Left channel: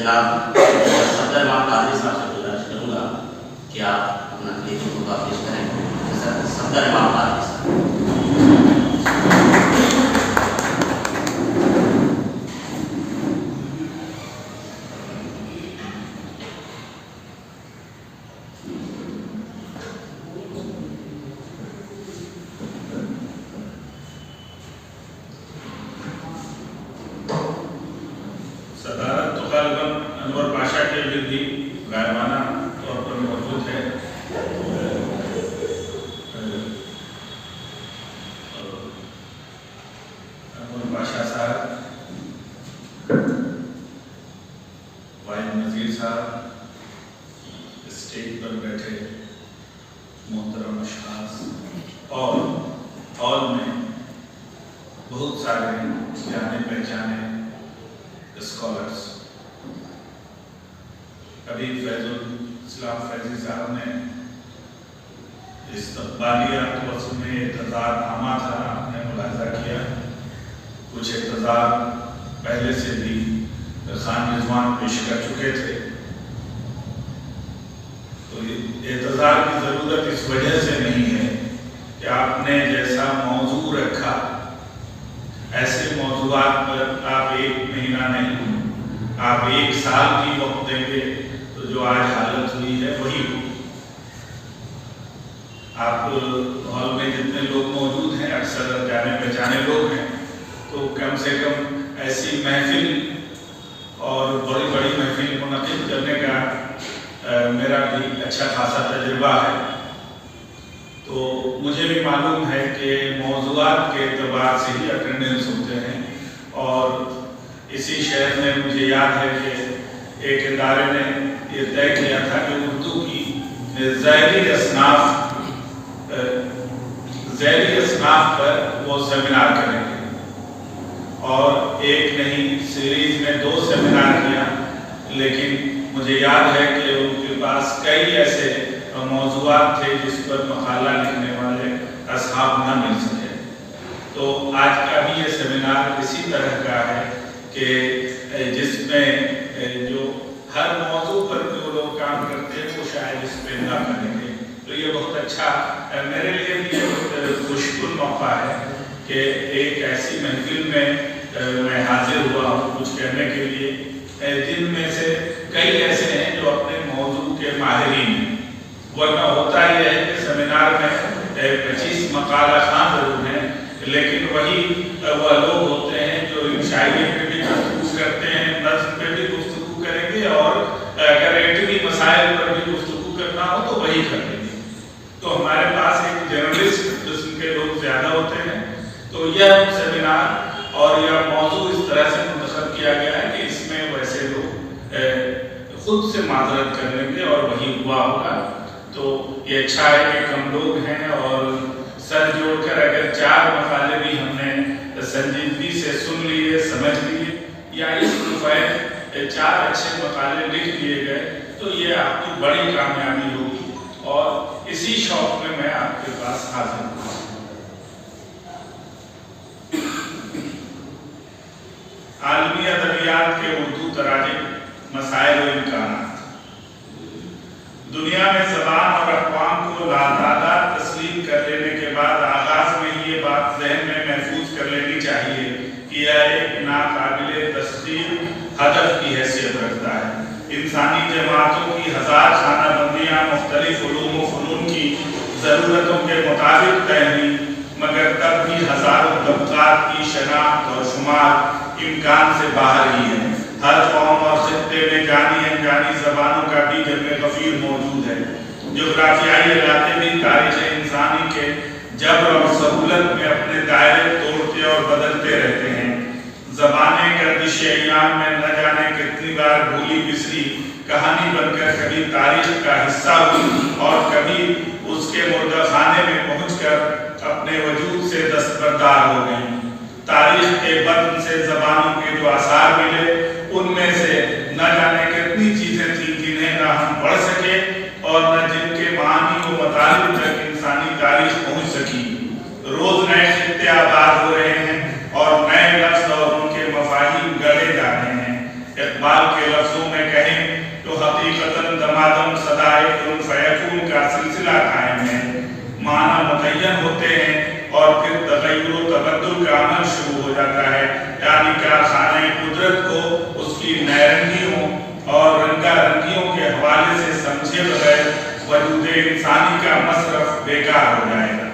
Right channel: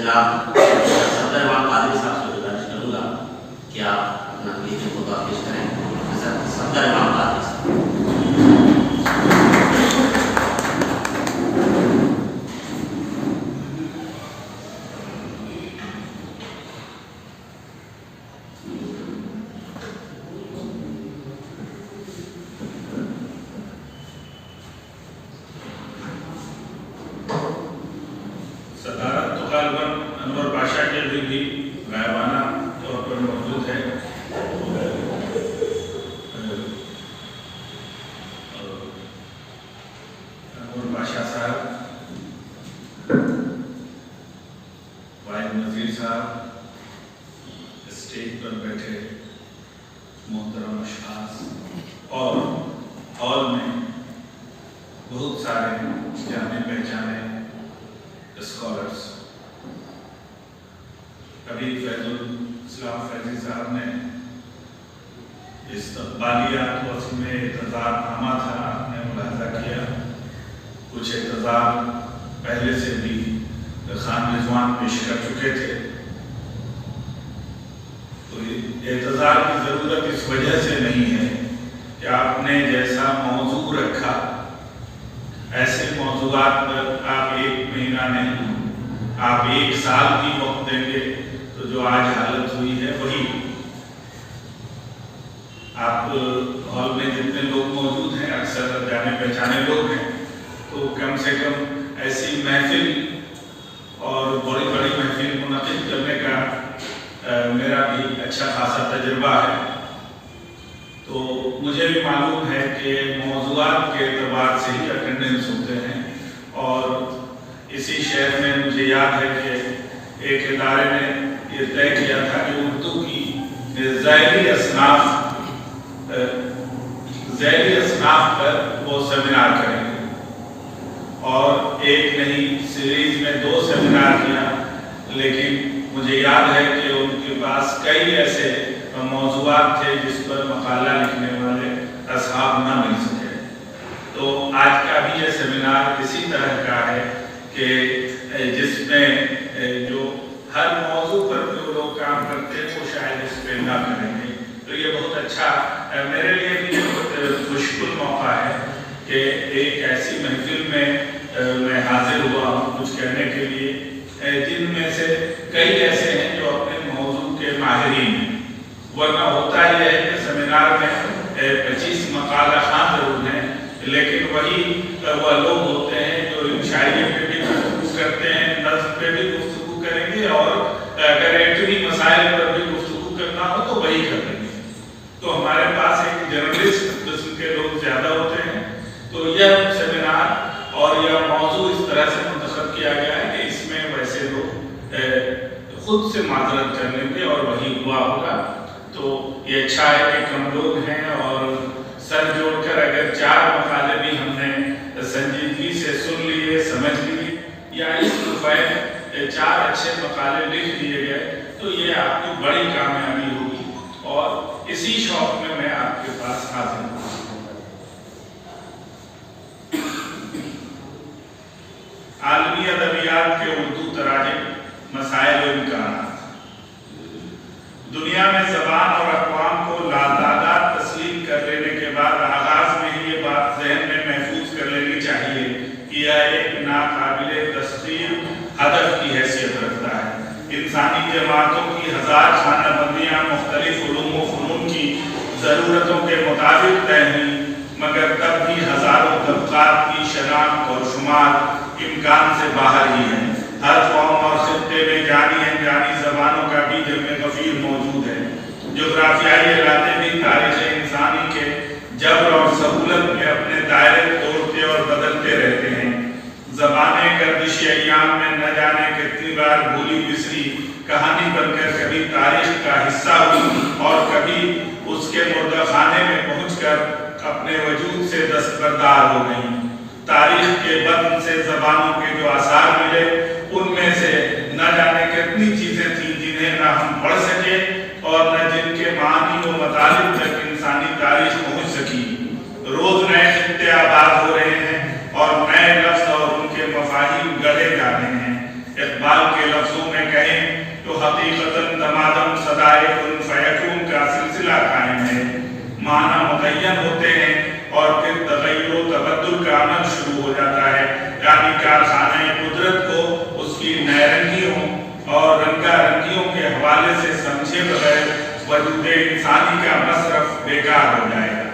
جناب صفدر امام قادری صاحب سے گزارش کروں گا کہ آپ اپنا یہ جو خطبہ پیش کریں. صفدر امام قادری صاحب. عالمی ادبیات کے اردو تراجم، مسائل و امکانات. دنیا میں زبان اور اقوام کو لاتعداد تسلیم کر لینے کے بعد آغاز میں یہ بات ذہن میں محفوظ کر لینی چاہیے کہ یہ ایک ناقابل تسخیر ہدف کی حیثیت رکھتا ہے. انسانی جماعتوں کی ہزار خانہ بندیاں مختلف علوم و فنون کی ضرورتوں کے مطابق طے ہوئیں، مگر تب بھی ہزاروں طبقات کی شناخت اور شمار امکان سے باہر ہی ہے. ہر قوم اور خطے میں جانی انجانی زبانوں کا بھی جمع غفیر موجود ہے. جغرافیائی علاقے بھی تاریخ انسانی کے جبر اور سہولت میں اپنے دائرے توڑتے اور بدلتے رہتے ہیں. زبانیں گردش ایام میں نہ جانے کتنی بار بھولی بسری کہانی بن کر کبھی تاریخ کا حصہ ہوئی اور کبھی اس کے مردہ خانے میں پہنچ کر اپنے وجود سے دستبردار ہو گئیں. تاریخ کے بدن سے زبانوں کے جو آثار ملے ان میں سے نہ جانے کتنی چیزیں تھیں جنہیں نہ ہم پڑھ سکے اور نہ جن کے معنی و مطالب تک انسانی تاریخ پہنچ سکی. روز نئے خطے آباد ہو رہے ہیں اور نئے لفظ اور ان کے مفاہیم گڑے جا رہے ہیں. اقبال کے کے لفظوں میں کہیں تو حقیقتاً دمادم صدائے کن فیکون کا سلسلہ قائم ہے، معنی متعین ہوتے ہیں اور پھر تغیر و تبدل کا عمل شروع ہو جاتا ہے، یعنی کارخانہ قدرت کو اس کی نارنگیوں اور رنگا رنگیوں کے حوالے سے سمجھے بغیر وجود انسانی کا مصرف بیکار ہو جائے گا۔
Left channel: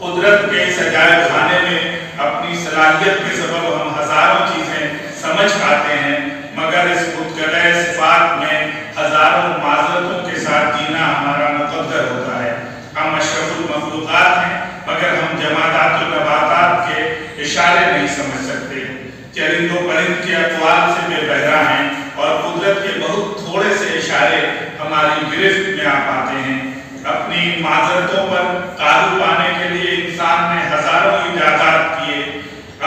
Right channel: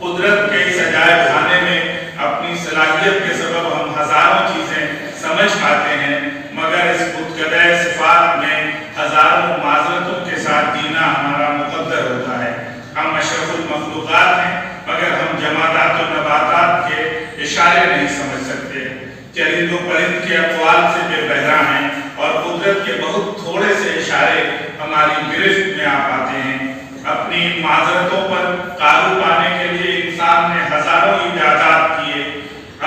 قدرت کے سجائے خانے میں اپنی صلاحیت کے سبب ہم ہزاروں چیزیں سمجھ پاتے ہیں، مگر اس متقدہ صفات میں ہزاروں معذرتوں کے ساتھ جینا ہمارا مقدر ہوتا ہے۔ ہم اشرف المخلوقات ہیں مگر ہم جمادات و نباتات کے اشارے نہیں سمجھ سکتے، چرند و پرند کے اقوال سے بے بہرا ہیں اور قدرت کے بہت تھوڑے سے اشارے ہماری گرفت میں آ پاتے ہیں۔ اپنی معذرتوں پر قابو پانے کے لیے انسان نے ہزاروں ایجادات کیے،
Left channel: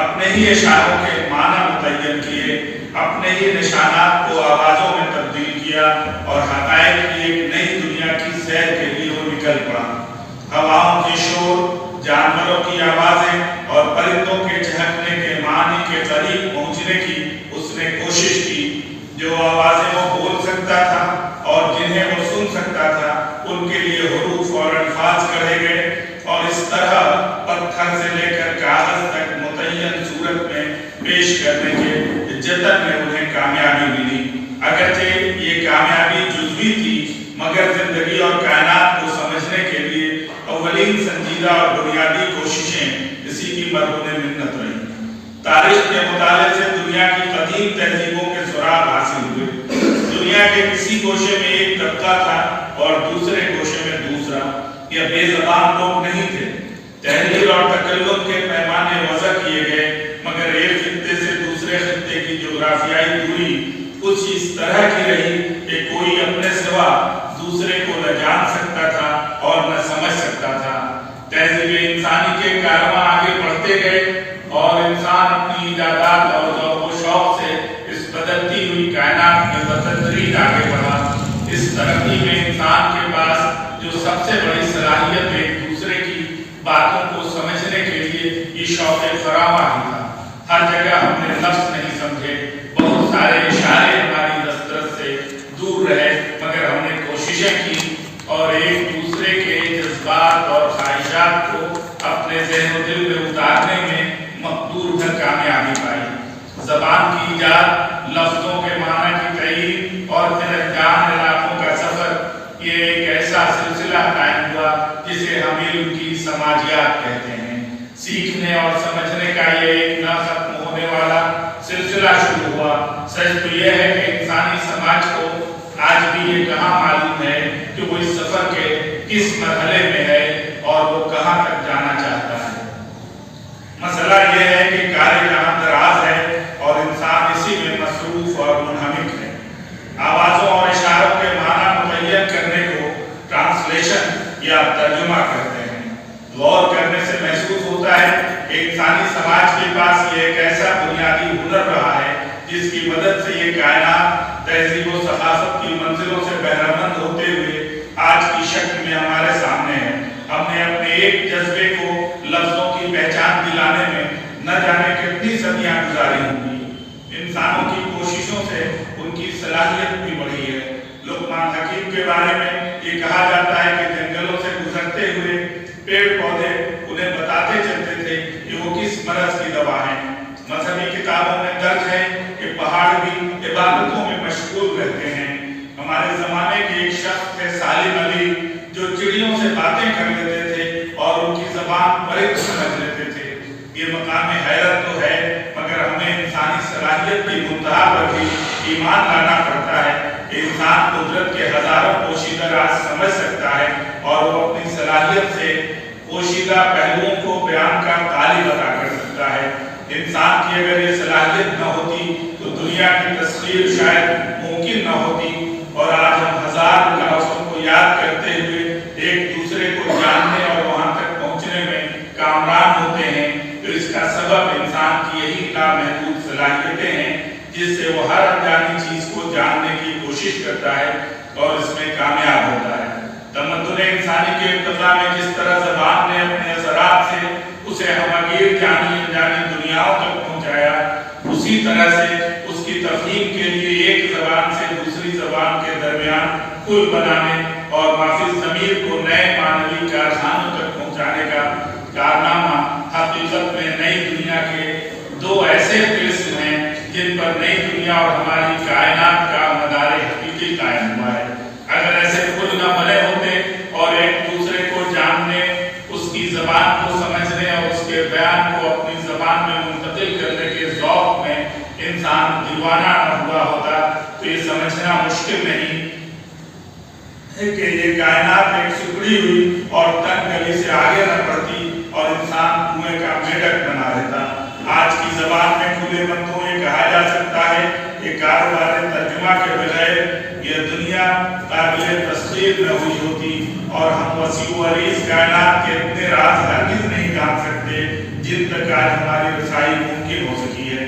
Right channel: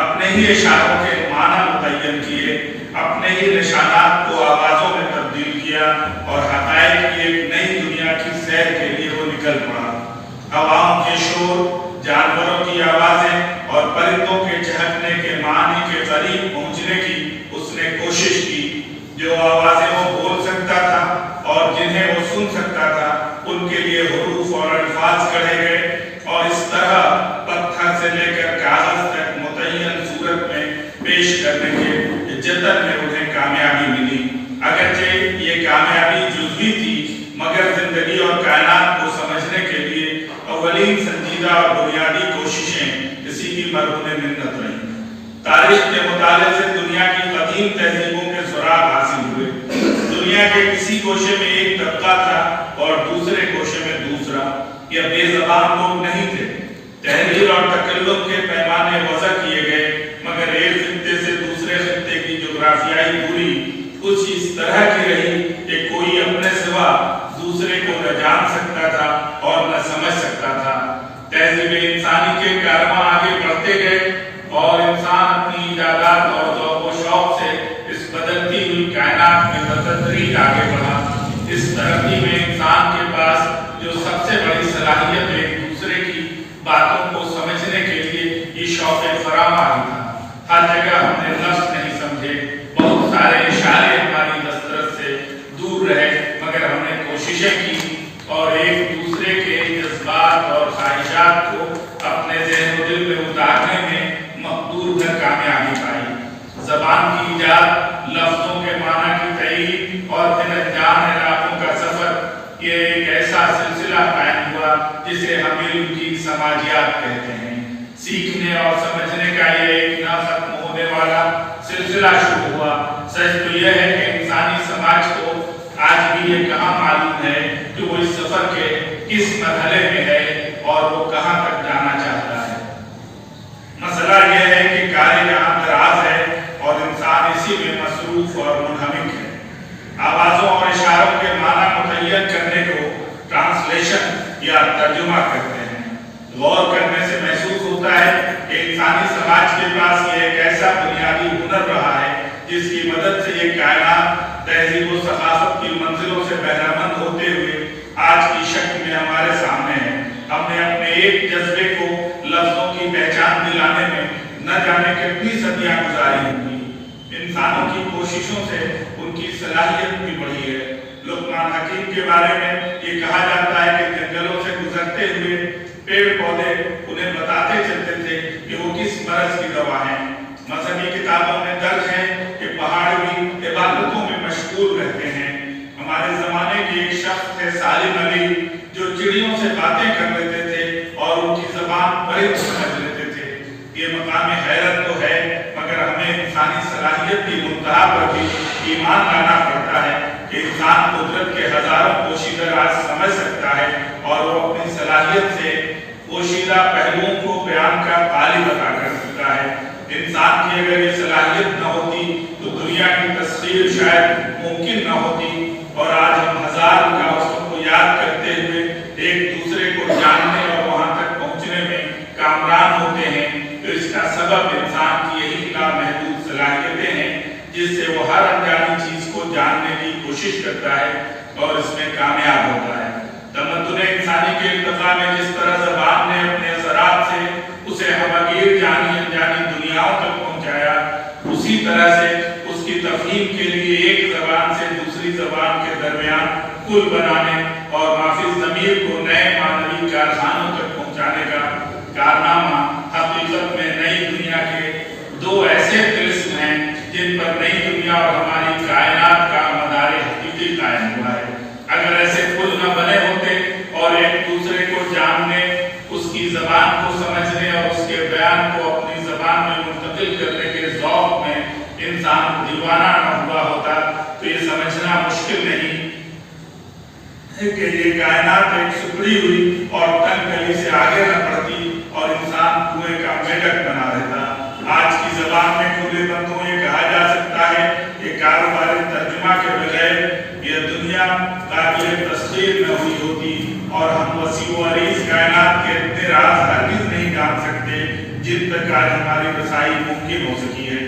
اپنے ہی اشاروں کے معنی متعین کیے، اپنے ہی نشانات کو آوازوں میں تبدیل کیا اور حقائق کی ایک نئی دنیا کی سیر کے لیے وہ نکل پڑا۔ ہواؤں کے شور، جانوروں کی آوازیں اور پرندوں کے چہکنے کے معنی کے قریب پہنچنے کی اس نے کوشش کی۔ جو آوازیں وہ بول سکتا تھا اور جنہیں وہ سن سکتا تھا ان کے لیے حروف اور الفاظ کہے گئے، اور اس طرح پتھر سے لے کر کاغذ تک متعین صورت میں پیش کرنے کے جتن میں انہیں کامیابی ملی۔ اگرچہ یہ کامیابی جزوی تھی مگر زندگی اور کائنات کو سمجھنے کے لیے اولین سنجیدہ اور بنیادی کوششیں اسی کی مرہون منت رہیں۔ تاریخ کے مطالعے سے دنیا کی قدیم تہذیبوں کے سراغ حاصل ہوئے۔ دنیا کے کسی گوشے میں ایک طبقہ تھا اور دوسرے گوشے میں دوسرا۔ یہ بے زبان لوگ نہیں تھے، تحریر اور تکلم کے پیمانے وضع کیے گئے، مگر ایک خطے سے دوسرے خطے کی جغرافیائی دوری کچھ اس طرح کی رہی کہ کوئی اپنے سوا دوسرے کو نہ جان سکتا تھا اور نہ سمجھ سکتا تھا۔ تہذیب انسانی کے کارواں آگے بڑھتے گئے اور انسان اپنی ایجادات اور ذوق و شوق سے اس بدلتی ہوئی کائنات میں بتدریج آگے بڑھا۔ اس ترقی میں انسان کے پاس جو سب سے بڑی صلاحیت ایک دوسرے کی باتوں کو سمجھنے کے لیے یہ شوق فراوان تھا۔ ہر جگہ ہم نے لفظ نہیں سمجھے، بہت سارے اشارے ہماری دسترس سے دور رہے، مگر ہم نے کوششیں کی اور ایک دوسرے کے جذبات اور خواہشات کو اپنے ذہن و دل میں اتارنے میں مقدور کر کامیابی پائی۔ زبان کی ایجاد، لفظوں کے معنی کی تعین اور پھر انجام علاقوں کا سفر، یہ ایک ایسا سلسلہ قائم ہوا جسے ہم علم کی سماجیات کہتے ہیں۔ سیکھنے اور سمجھنے کا یہ ایک نہ ختم ہونے والا سلسلہ شروع ہوا۔ سچ تو یہ ہے کہ انسانی سماج کو آج بھی یہ کہاں معلوم ہے کہ وہ اس سفر کے کس مرحلے میں ہے اور وہ کہاں تک جانا چاہتا ہے۔ مسئلہ یہ ہے کہ کار جہاں دراز ہے اور انسان اسی میں مصروف اور منہمک ہے۔ آوازوں اور اشاروں کے معنی متعین کرنے کو ٹرانسلیشن یا ترجمہ کہتے ہیں۔ غور کرنے سے محسوس ہوتا ہے کہ انسانی سماج کے پاس یہ ایک ایسا بنیادی ہنر رہا ہے جس کی مدد سے یہ کائنات تہذیب و ثقافت کی منزلوں سے بہرہ مند ہوتے ہوئے آج کی شکل میں ہمارے سامنے ہے۔ ہم نے اپنے ایک جذبے کو لفظوں کی پہچان دلانے میں نہ جانے کتنی صدیاں گزاری ہوں گی۔ انسانوں کی کوششوں سے ان کی صلاحیت بھی بڑھی ہے۔ لقمان حکیم کے بارے میں یہ کہا جاتا ہے کہ جنگلوں سے گزرتے ہوئے پیڑ پودے انہیں بتاتے چلتے تھے کہ وہ کس مرض کی دوا ہیں۔ مذہبی کتابوں میں درج ہے کہ پہاڑ بھی عبادتوں میں مشغول رہتے ہیں۔ ہمارے زمانے کے ایک شخص تھے سالم علی، جو چڑیوں سے باتیں کر لیتے تھے اور ان کی زبان پرند سمجھ لیتے تھے۔ یہ مقام حیرت تو ہے، مگر ہمیں انسانی صلاحیت کی منتہا پر بھی ایمان لانا پڑتا ہے کہ انسان قدرت کے ہزاروں پوشیدہ راز سمجھ سکتا ہے اور وہ اپنی صلاحیت سے پوشیدہ پہلوؤں کو بیان کا غالب عطا کر سکتا ہے۔ انسان کی اگر یہ صلاحیت نہ ہوتی تو دنیا کی تسخیر شاید ممکن نہ ہوتی، اور آج ہم ہزار رکاوٹوں کو یاد کرتے ہوئے ایک دوسرے کو جاننے اور وہاں تک پہنچنے میں کامران ہوتے ہیں، تو اس کا سبب انسان کی یہی لامحدود صلاحیتیں ہیں جس سے وہ ہر انجانی چیز کو جاننے کی کوشش کرتا ہے اور اس میں کامیاب ہوتا ہے۔ تمدن انسانی کے ارتقاء میں جس طرح زبان نے اپنے اثرات سے اسے ہمگیر جانی انجانی دنیاؤں تک پہنچایا، اسی طرح سے اس کی تفہیم کے لیے ایک زبان سے دوسری زبان کے درمیان پل بنانے اور مافی ضمیر کو نئے معنوی کارخانوں تک پہنچانے کا کارنامہ حقیقت میں نئی دنیا کے دو ایسے طلسم ہیں جن پر نئی دنیا اور ہماری کائنات کا مدار حقیقی قائم ہوا ہے۔ اگر ایسے پل نہ بنے ہوتے اور ایک دوسرے کو جاننے، اس کی زبان کو سمجھنے اور اس کے بیان کو اپنی زبان میں منتقل کرنے کے ذوق میں انسان دیوانہ نہ ہوا ہوتا تو یہ سمجھنا مشکل نہیں کہ یہ کائنات ایک سکڑی ہوئی اور تنگ گلی سے آگے نہ بڑھتی اور انسان کنویں کا میڈک بنا رہتا۔ آج کی زبان میں کھلے بندوں یہ کہا جا سکتا ہے کہ کاروبار ترجمہ کے بغیر یہ دنیا قابل تسخیر نہ ہوئی ہوتی اور ہم وسیع و عریض کائنات کے اتنے راز ہرگز نہیں جان سکتے جن تک آج ہماری رسائی ممکن ہو سکی ہے۔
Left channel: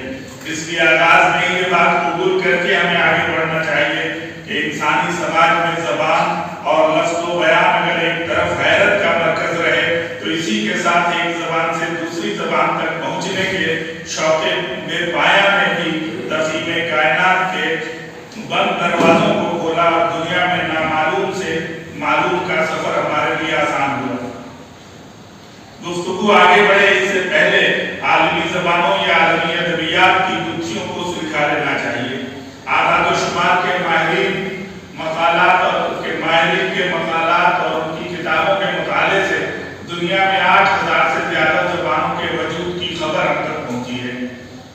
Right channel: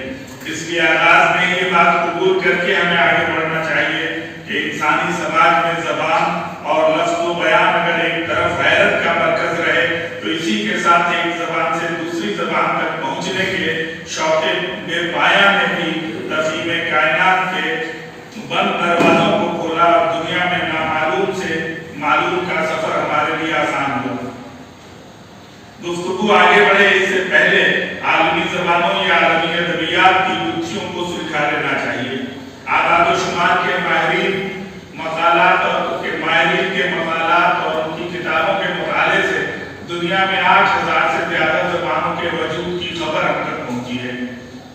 اس لیے آغاز میں یہ بات قبول کر کے ہمیں آگے بڑھنا چاہیے کہ انسانی سماج میں زبان اور لفظ و بیان اگر ایک طرف غیرت کا مرکز رہے تو اسی کے ساتھ ایک زبان سے دوسری زبان تک پہنچنے کے شوق بے پایہ نے بھی تفہیم کائنات کے بند دروازوں کو کھولا اور دنیا میں نامعلوم سے معلوم کا سفر ہمارے لیے آسان ہوا۔ گفتگو آگے بڑھے اس سے پہلے عالمی زبانوں یا عالمی ادبیات کی گتھیوں کو سلجھا لینا چاہیے۔ اعداد و شمار کے ماہرین کے مقالات اور ان کی کتابوں کے مطالعے سے دنیا میں 8000 سے زیادہ زبانوں کے وجود کی خبر اب تک پہنچی ہے۔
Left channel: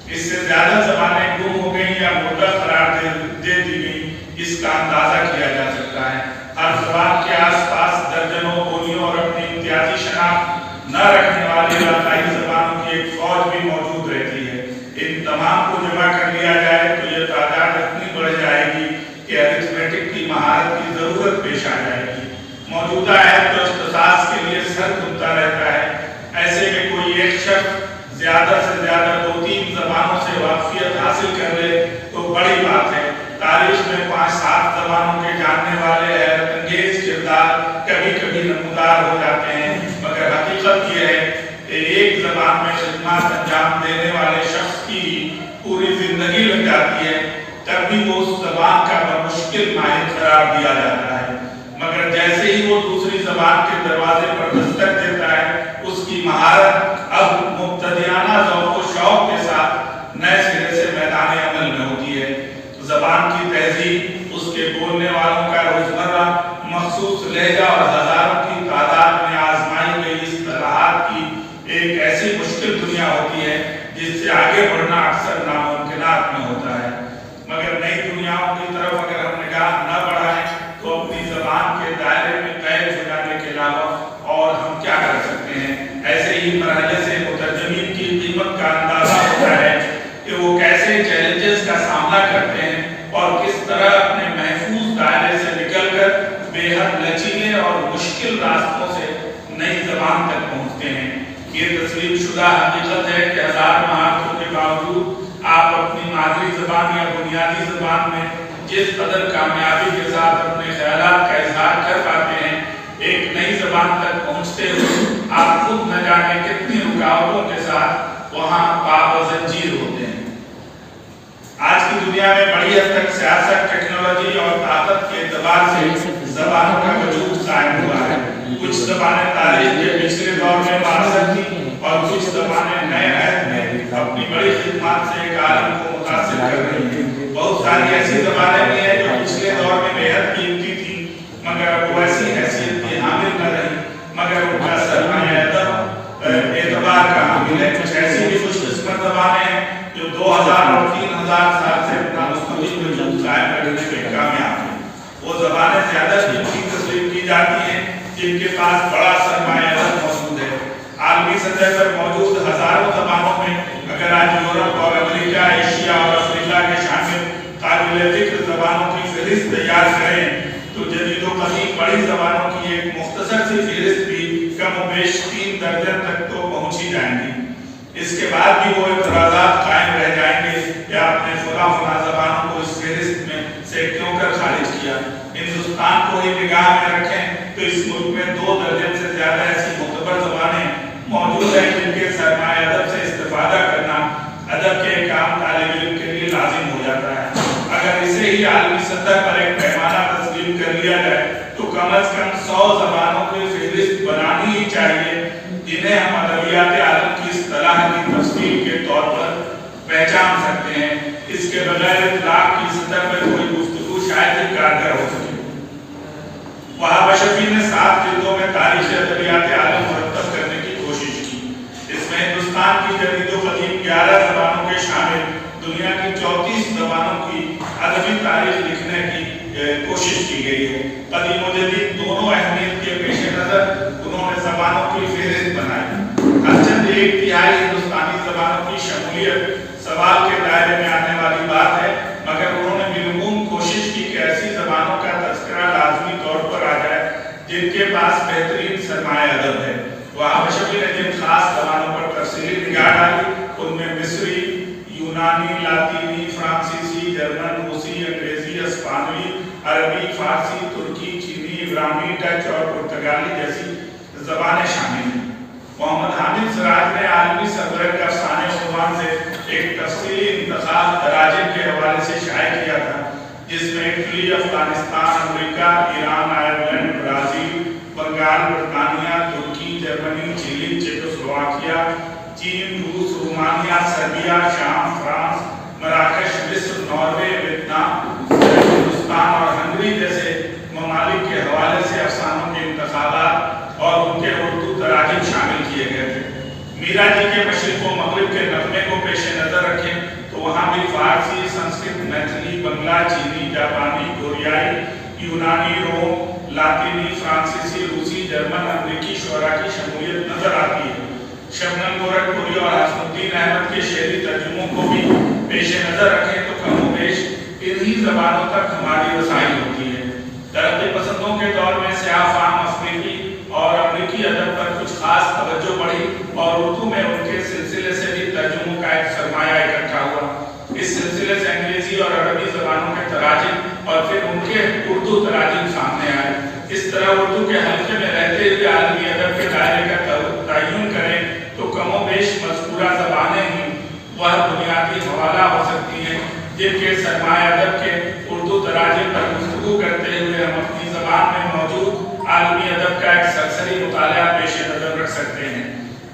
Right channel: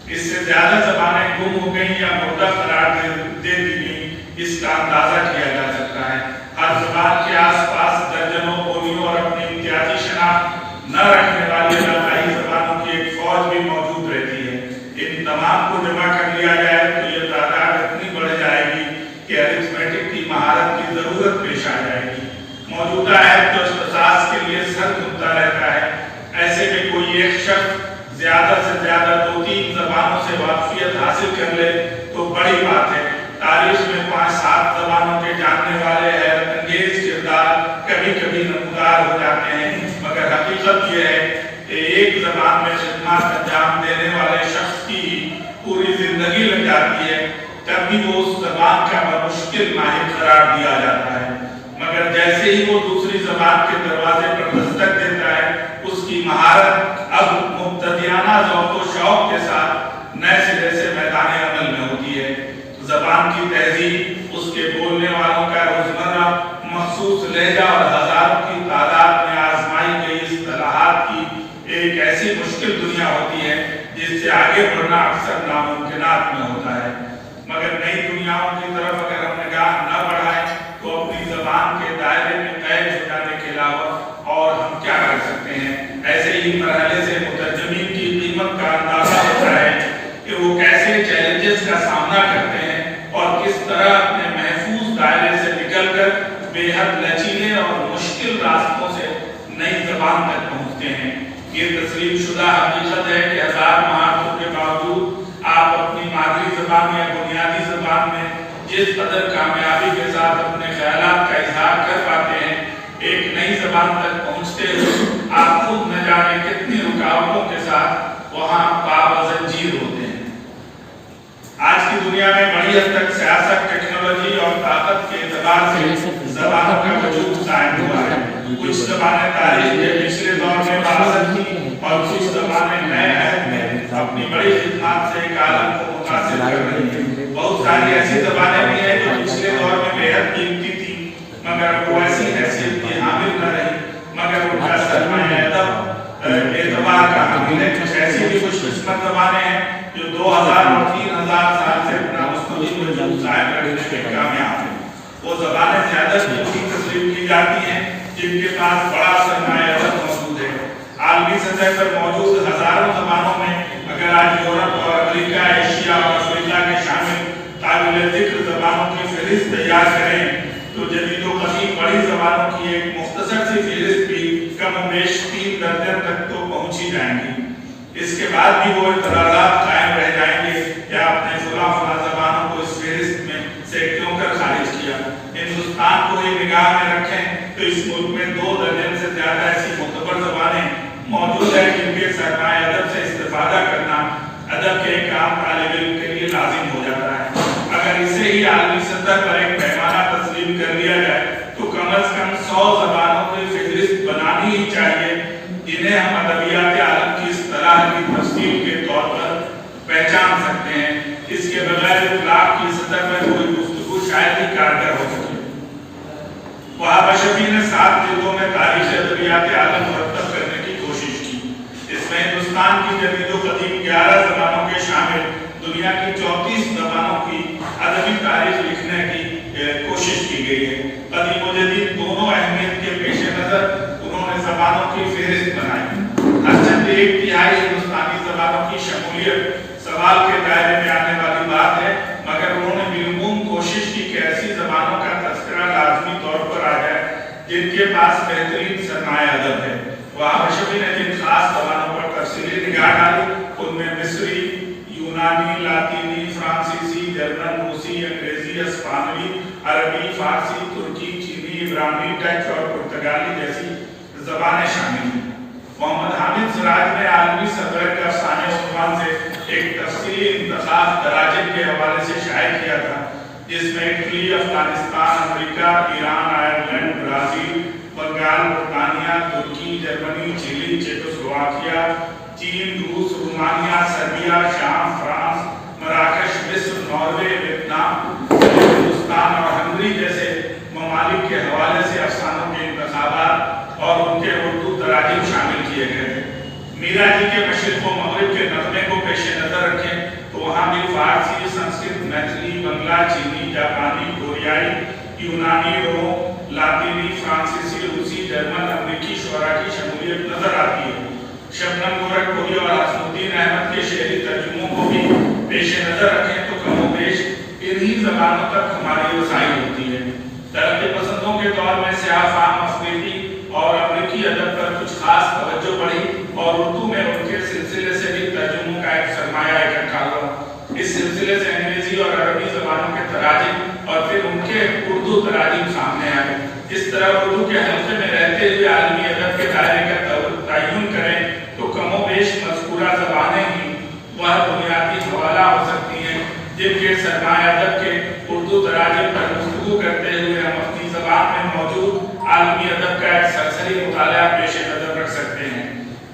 اس سے زیادہ زبانیں گم ہو گئیں یا مردہ قرار دے دی گئیں، اس کا اندازہ کیا جا سکتا ہے۔ ہر زبان کے آس پاس درجنوں بولیوں اور اپنی امتیازی شناخت نہ رکھنے والی علاقائی زبانوں کی ایک فوج بھی موجود رہتی ہے۔ ان تمام کو جمع کر لیا جائے تو یہ تعداد اتنی بڑھ جائے گی کہ ارتھمیٹک کی مہارت کی ضرورت پیش آ جائے گی۔ موجودہ عہد کے اختصاص کے لیے سر دھنتا رہتا ہے۔ ایسے میں کوئی ایک شخص زیادہ سے زیادہ 2-3 زبانوں سے واقفیت حاصل کر لے تو بڑی بات ہے۔ تاریخ میں 5-7 زبانوں کے جاننے والے حیرت انگیز کردار کبھی کبھی نمودار ہو جاتے ہیں، مگر حقیقت یہ ہے کہ ایک زبان میں خدمات انجام دینے والے شخص کی پوری زندگی لگ جاتی ہے، تب بھی وہ اس زبان کا بمشکل ماہر قرار دیا جاتا ہے۔ مگر جیسے ہی وہ دوسری زبان کے دروازے پر دستک دیتا ہے، اس کی مہارت اب مبتدیانہ ذوق و شوق کے ساتھ نئے سرے سے میدان عمل میں ہوتی ہے۔ زبان کی تہذیب، اس کے بولنے والوں کا روزمرہ مخصوص لہجہ اور ہزاروں کی تعداد میں آزمائی گئی اصطلاحات کی ایک ایسی مشکل دنیا ہوتی ہے جس سے آگے بڑھنا اکثر ناممکنات میں ہوتا ہے۔ مگر نئی دنیاؤں کی طرف اگر ہم نگاہ نہ بڑھائیں تو اپنی زبان کے دائرے میں قید ہو جانے کے علاوہ اور ہم کیا کر سکتے ہیں؟ ایسے ہی مرحلے سے مترجمین کی قیمت کا اندازہ ہوتا ہے کہ وہ کیسے چیلنجز کا سامنا کرتے ہیں اور کس طرح اپنے محفوظ دائرے سے نکل کر بے حد لچیلے اور مشکل راستوں سے نئی زبان تک پہنچتے ہیں۔ یہ تسلیم شدہ حقیقت ہے کہ 1000 مہارتوں کے باوجود آپ اپنی مادری زبان یا بنیادی زبان میں جس قدر کامیابی کے ساتھ اپنے خیالات کا اظہار کر پاتے ہیں، ایک نئی زبان تک پہنچتے ہوئے آپ خود نہ جانے کتنی رکاوٹوں کے ساتھ وہاں پابند ہوتے ہیں۔ آج کی دنیا میں بڑی حد تک سیاست، ٹیکنالوجی اور طاقت کے اعتبار سے زبانوں کا وجود قائم ہوا ہے۔ کچھ زبانیں تاریخ کے پچھلے دور میں معاصر تھیں اور کچھ زبانیں نئے عہد میں اپنی بڑی خدمات سے ایک عالم کو متاثر کر رہی ہیں۔ بہت ساری ایسی زبانیں بھی ہیں جو پچھلے دور میں بے حد قیمتی تھیں مگر وہ ایسی حیثیت کی حامل نہ رہی، مگر ان کا سرمایہ اعتبار کا حامل ہے۔ کچھ ایسی بھی خوش قسمت زبانیں ہیں جو 2000 اور 3000 سال سے اپنا مستقل وجود قائم رکھنے میں کامیاب ہیں۔ وہ زبانیں زیادہ قیمتی تسلیم کی جاتی ہیں جن کے پاس بڑا سرمایہ موجود ہے۔ عالمی سطح پر موجود ہزاروں زبانوں میں اگر آج یورپ اور امریکہ، ایشیا اور افریقہ کے شامل قابل ذکر زبانوں کی فہرست تیار کریں تو جدید و قدیم بڑی زبانوں کی ایک مختصر سی فہرست بھی کم و بیش 3 درجن تک تو پہنچ ہی جائیں گی۔ اس کے بعد بھی وہ اعتراضات قائم رہ جائیں گے یا اپنے فلاں زبانوں کو اس فہرست میں سے کیوں کر خارج کیا۔ ہندوستان کو ہی نگاہ میں رکھیں تو اس ملک میں 2 درجن سے زیادہ ایسی معتبر زبانیں موجود ہیں جن کے سرمایہ ادب سے استفادہ کرنا ادب کے ایک عام طالب علم کے لیے لازم ہو جاتا ہے۔ اسے ہی عالمی سطح پر ایک پیمانہ تسلیم کر لیا جائے تو کم از کم 100 زبانوں کی فہرست بنانی ہی چاہیے جنہیں ہم ادبیات عالم کی اصطلاح کی تفصیل کے طور پر پہچان سکتے ہیں. اس کے بغیر اطلاق کی سطح پر کوئی گفتگو شاید ہی کارگر ہو سکے. وہاں بشفی نے 7 جلدوں میں تاریخ ادبیات عالم مرتب کرنے کی کوشش کی. اس میں ہندوستان کی جدید و قدیم 11 زبانوں کے شامل دنیا کی 34 زبانوں کی ادبی تاریخ لکھنے کی کوشش کی گئی ہے. قدیم و جدید دونوں اہمیت کے پیش نظر انہوں نے زبانوں کی فہرست بنائی. اچھا 1/3 ہندوستانی زبانوں کی شمولیت سوال کے دائرے میں آنے والی بات ہے، مگر انہوں نے بالعموم کوشش کی کہ ایسی زبانوں کا تذکرہ لازمی طور پر آ جائے جن کے پاس بہترین سرمایہ ادب ہے. وہاں بشفی نے جن خاص زبانوں پر تفصیلی نگاہ ڈالی ان میں مصری، یونانی، لاطینی، فرانسیسی، جرمن، روسی، انگریزی، اسپانوی، عربی، فارسی، ترکی، چینی، عبرانی، ڈچ اور پرتگالی جیسی زبانیں شامل ہیں. محمد حامد سراج نے عالمی صفدر کے افسانے عنوان سے ایک تفصیلی انتخاب تراجم کے حوالے سے شائع کیا تھا جس میں اٹلی، افغانستان، امریکہ، ایران، آئرلینڈ، برازیل، بنگال، برطانیہ، ترکی، جرمنی، چلی، چیکوسلواکیا، چین، روس، رومانیہ، سربیا، شام، فرانس، مراکش، مصر، ناروے، ویتنام، ہندوستان اور ہنگری جیسے ممالک کے حوالے سے افسانوں کے انتخابات اور ان کے اردو تراجم شامل کیے گئے تھے. میرا جی کے مشرق و مغرب کے نغمے کو پیش نظر رکھیں تو وہاں بھی فارسی، سنسکرت، میتھلی، بنگلہ، چینی، جاپانی، کوریائی، یونانی، روم، لاطینی، فرانسیسی، روسی، جرمن، امریکی شعراء کی شمولیت نظر آتی ہے. شبنم گورکھپوری اور حسن الدین احمد کے شعری ترجموں کو بھی پیش نظر رکھیں تو کم و بیش انہی زبانوں تک ہماری رسائی ہوتی ہے. ترقی پسندوں کے دور میں سیاہ فام افریقی اور امریکی ادب پر کچھ خاص توجہ بڑھی اور اردو میں ان کے سلسلے سے بھی ترجموں کا ایک سرمایہ اکٹھا ہوا. اس سلسلے سے انگریزی اور عربی زبانوں کے تراجم اور پھر ان کے اردو تراجم سامنے آئے. اس طرح اردو کے حلقے میں رہتے ہوئے عالمی ادب کے دائرے کا تعین کریں تو کم و بیش مذکورہ زبانیں ہی وہ بنیادی حوالہ ہو سکتی ہیں جن کے سرمایہ ادب کے اردو تراجم پر گفتگو کرتے ہوئے ہم اپنی زبان میں موجود عالمی ادب کا ایک سرسری مطالعہ پیش نظر رکھ سکتے ہیں.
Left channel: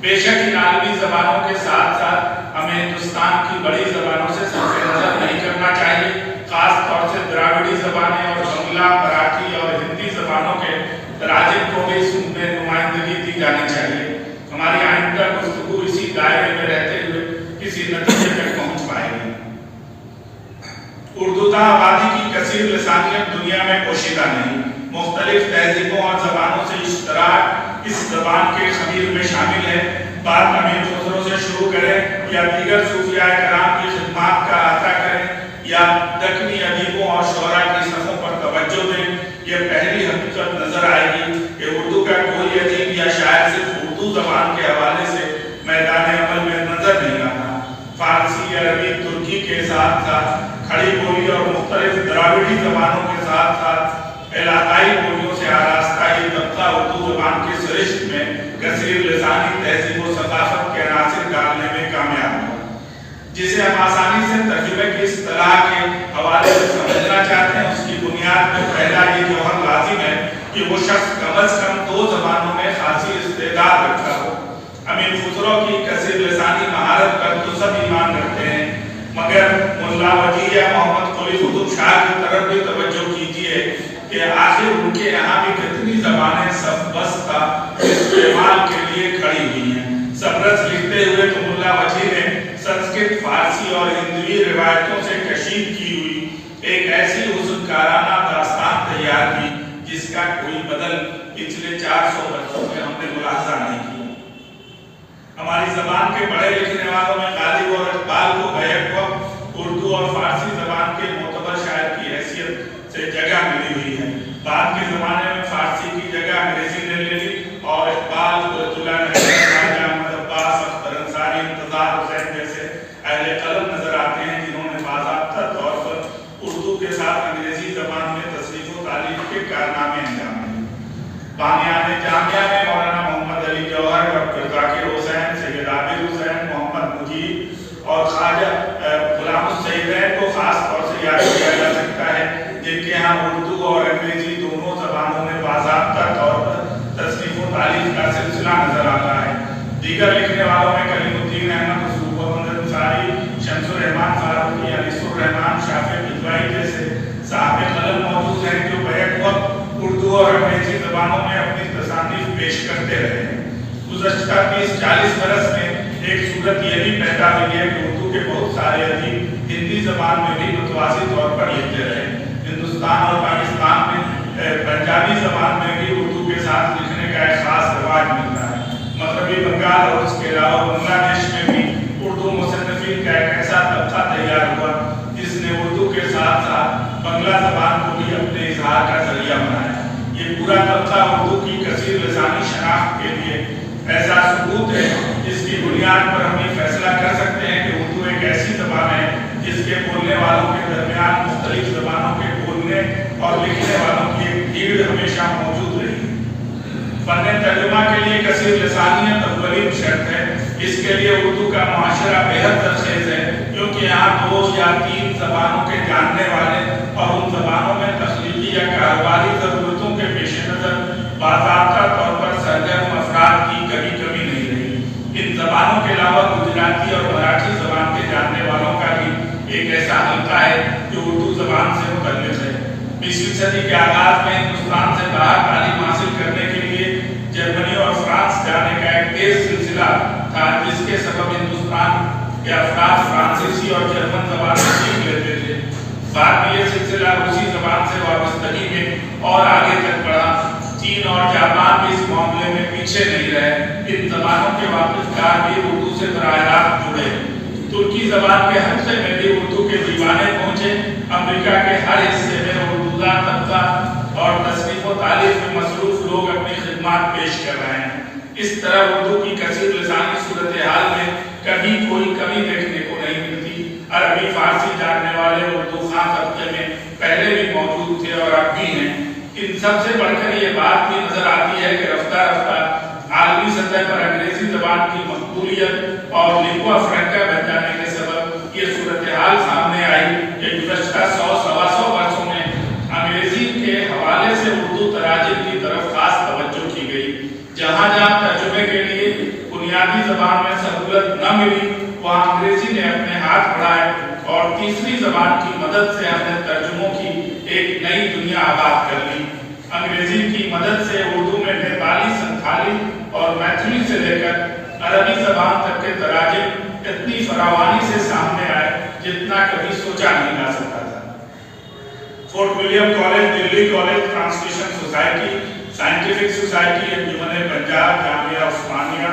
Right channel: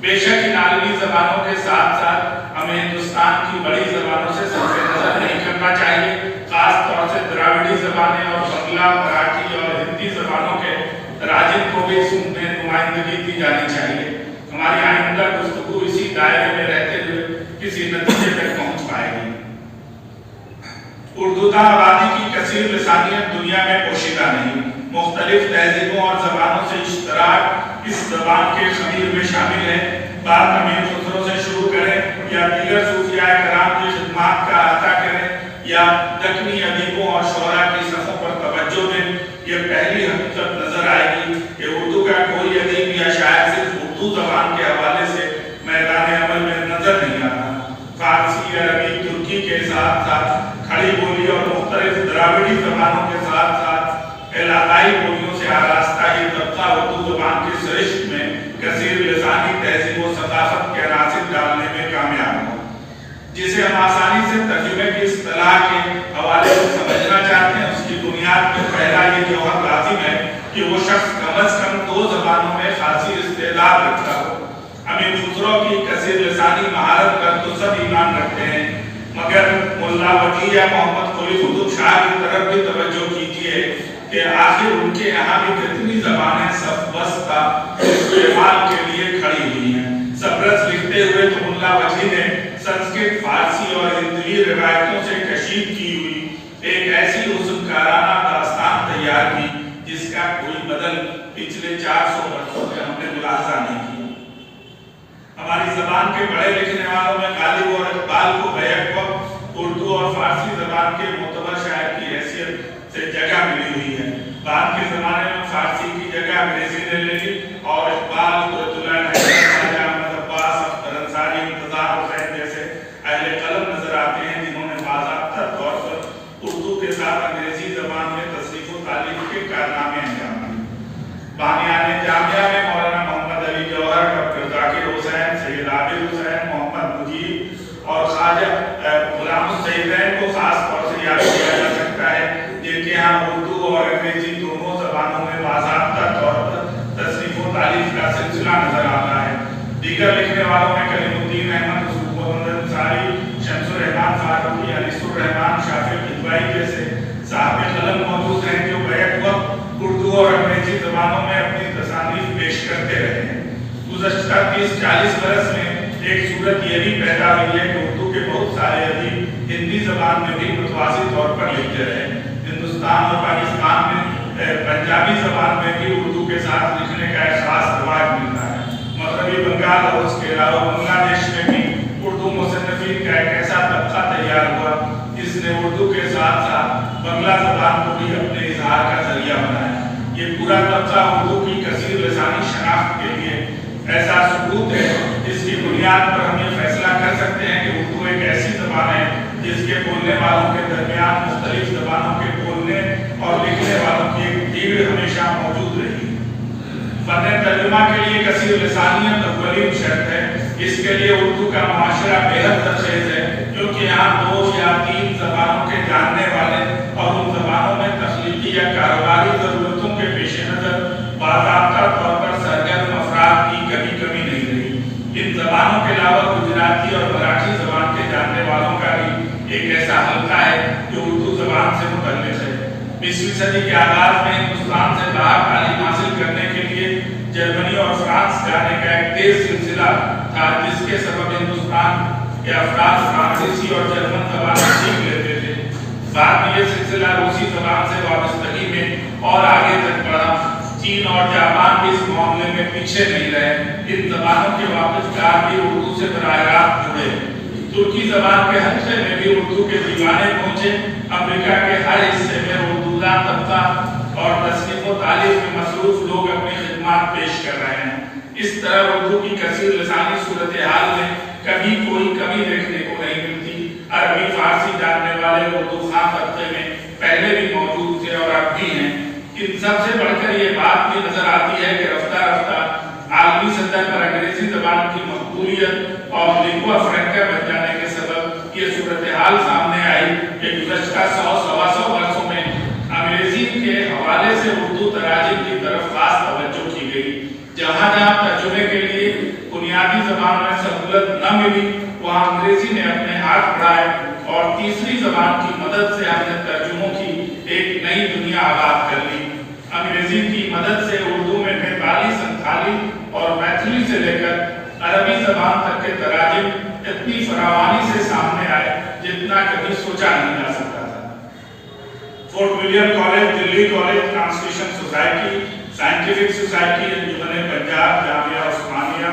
بے شک ان عالمی زبانوں کے ساتھ ساتھ ہمیں ہندوستان کی بڑی زبانوں سے صرف نظر نہیں کرنا چاہیے. خاص طور سے دراوڑی زبانیں اور بنگلہ، مراٹھی اور ہندی زبانوں کے تراجم کو بھی اس میں نمائندگی دی جانی چاہیے. ہماری آئندہ گفتگو اسی دائرے میں رہتے ہوئے کسی نتیجے تک پہنچ پائے گی. اردو کا آبادی کی کثیر لسانیت دنیا میں پوشیدہ نہیں. مختلف تہذیبوں اور زبانوں سے اشتراک اس زبان کے خمیر میں شامل ہے. بات امیر خسرو سے شروع کریں یا دیگر صوفیاء کرام کی خدمات کا احاطہ کریں یا دکنی ادیبوں اور شعراء کی صفوں پر توجہ دیں، یہ پہلی حقیقت نظر آئے گی کہ اردو کا کوئی ادیب یا شاعر صرف اردو زبان کے حوالے سے میدان عمل میں نظر نہیں آتا. فارسی، عربی، ترکی کے ساتھ ساتھ کھڑی بولی اور مختلف دراوڑی زبانوں کے ساتھ ساتھ علاقائی بولیوں سے آراستہ یہ طبقہ اردو زبان کی سرشت میں کثیر لسانی تہذیب و ثقافت کے عناصر ڈالنے میں کامیاب ہوا. جسے ہم آسانی سے ترجمے کی اصطلاح کے حوالے سے سمجھنا چاہتے ہیں اس کی بنیاد پر پہلا یہ جوہر لازم ہے کہ وہ شخص کم از کم 2 زبانوں میں خاصی استعداد رکھتا ہو. امیر خسرو کی کثیر لسانی مہارت پر تو سب ایمان رکھتے ہیں، مگر ملا وجیہ یا محمد قلی قطب شاہ کی طرف بھی توجہ کیجیے کہ آخر ان کے یہاں بھی کتنی زبانیں صف بس کا استعمال کے لیے کھڑی ہوئی ہیں. سبرس لکھتے ہوئے تو ملا وجیہ نے سنسکرت، فارسی اور ہندوی روایتوں سے کشید کی ہوئی ایک ایسی حسنکارانہ داستان تیار کی جس کا کوئی بدل پچھلے 400 برسوں میں ہم نے ملاحظہ نہیں کیا. ہماری زبان کے بڑے لکھنے والوں میں غالب اور اقبال کو بیک وقت اردو اور فارسی زبان کے معتبر شاعر کی حیثیت سے جگہ ملی ہوئی ہے. بعد کے زمانے میں فارسی کی جگہ انگریزی نے لے لی اور اقبال، قرۃ اللہ، احمد عباس، اختر انصاری، انتظار حسین جیسے اہل قلم نظر آتے ہیں جنہوں نے باضابطہ طور پر اردو کے ساتھ انگریزی زبان میں تصنیف و تالیف کے کارنامے انجام دیے. بانیان جامعہ میں مولانا محمد علی جوہر، ڈاکٹر ذاکر حسین، سید عابد حسین، محمد مجید اور خواجہ غلام السیدین کو خاص طور سے یاد کیا جا سکتا جن کے یہاں اردو اور انگریزی دونوں زبانوں میں باضابطہ طور پر تصنیف و تالیف کا سلسلہ نظر آتا ہے۔ دیگر لکھنے والوں میں کلیم الدین احمد، محمد انصاری، شمس الرحمان فاروقی، انیس الرحمان شافع کدوئی جیسے صاحب قلم موجود ہیں جو بیک وقت اردو اور انگریزی زبانوں میں اپنی تصانیف پیش کرتے رہے ہیں۔ گزشتہ 30-40 برس میں ایک صورت یہ بھی پیدا ہوئی ہے کہ اردو کے بہت سارے ادیب ہندی زبان میں بھی متوازی طور پر لکھتے رہے۔ ہندوستان اور پاکستان میں پنجابی زبان میں بھی اردو کے ساتھ لکھنے کا ایک خاص رواج ملتا ہے۔ مغربی بنگال اور اس کے علاوہ بنگلہ دیش میں بھی اردو مصنفین کا ایک ایسا طبقہ تیار ہوا جس نے اردو کے ساتھ ساتھ بنگلہ زبان کو بھی اپنے اظہار کا ذریعہ بنایا۔ یہ پورا طبقہ اردو کی کثیر لسانی شناخت کے لیے ایسا ثبوت ہے جس کی بنیاد پر ہم یہ فیصلہ کر سکتے ہیں کہ اردو ایک ایسی زبان ہے جس کے بولنے والوں کے درمیان مختلف زبانوں کے بولنے اور لکھنے والوں کی ایک بھیڑ ہمیشہ موجود رہی۔ فن ترجمہ کے لیے کثیر لسانیت اولین شرط ہے۔ اس کے لیے اردو کا معاشرہ بے حد ترخیص ہے کیونکہ یہاں 2 یا 3 زبانوں کے جاننے والے اور ان زبانوں میں تخلیقی یا کاروباری ضرورتوں کے پیش نظر باضابطہ طور پر سرگرم افراد کی کبھی کمی نہیں رہی۔ ان زبانوں کے علاوہ گجراتی اور مراٹھی زبان کے جاننے والوں کا بھی ایک ایسا حلقہ ہے جو اردو زبان سے متعلق ہے۔ 20ویں صدی کے آغاز میں ہندوستان سے باہر تعلیم حاصل کرنے کے لیے جرمنی اور فرانس جانے کا ایک تیز سلسلہ تھا جس کے سبب ہندوستان کے افراد فرانسیسی اور جرمن زبان سیکھ لیتے تھے۔ بعد میں یہ سلسلہ روسی زبان سے وابستگی میں اور آگے تک بڑھا۔ چین اور جاپان بھی اس معاملے میں پیچھے نہیں رہے۔ ان زبانوں کے واقف کار بھی اردو سے براہ راست جڑے۔ ترکی زبان کے حلقے میں بھی اردو کے دیوانے پہنچے۔ امریکہ کے ہر حصے میں اردو کا طبقہ اور تصنیف و تالیف میں مصروف لوگ اپنی خدمات پیش کر رہے ہیں۔ اس طرح اردو کی کثیر لسانی صورتحال میں کبھی کوئی کمی دیکھنے کو نہیں ملتی۔ عربی فارسی جاننے والے اردو خواں طبقے میں پہلے بھی موجود تھے اور اب بھی ہیں۔ ان سب سے بڑھ کر یہ بات بھی نظر آتی ہے کہ رفتہ رفتہ عالمی سطح پر انگریزی زبان کی مقبولیت اور لنگوا فرینکا بن جانے کے سبب یہ صورتحال سامنے آئی کہ گزشتہ 100-125 برسوں میں انگریزی کے حوالے سے اردو تراجم کی طرف خاص توجہ کی گئی۔ جہاں جہاں ترجمے کے لیے بنیادی زبان میں سہولت نہ ملی وہاں انگریزی نے اپنے ہاتھ بڑھائے اور تیسری زبان کی مدد سے ہم نے ترجموں کی ایک نئی دنیا آباد کر لی۔ انگریزی کی مدد سے اردو میں نیپالی، سنتھالی اور میتھلی سے لے کر عربی زبان تک کے تراجم اتنی فراوانی سے سامنے آئے جتنا کبھی سوچا نہیں جا سکتا تھا۔ Fort William college, Delhi college, translation society, scientific society, Anjuman Punjab, Jamia Osmania,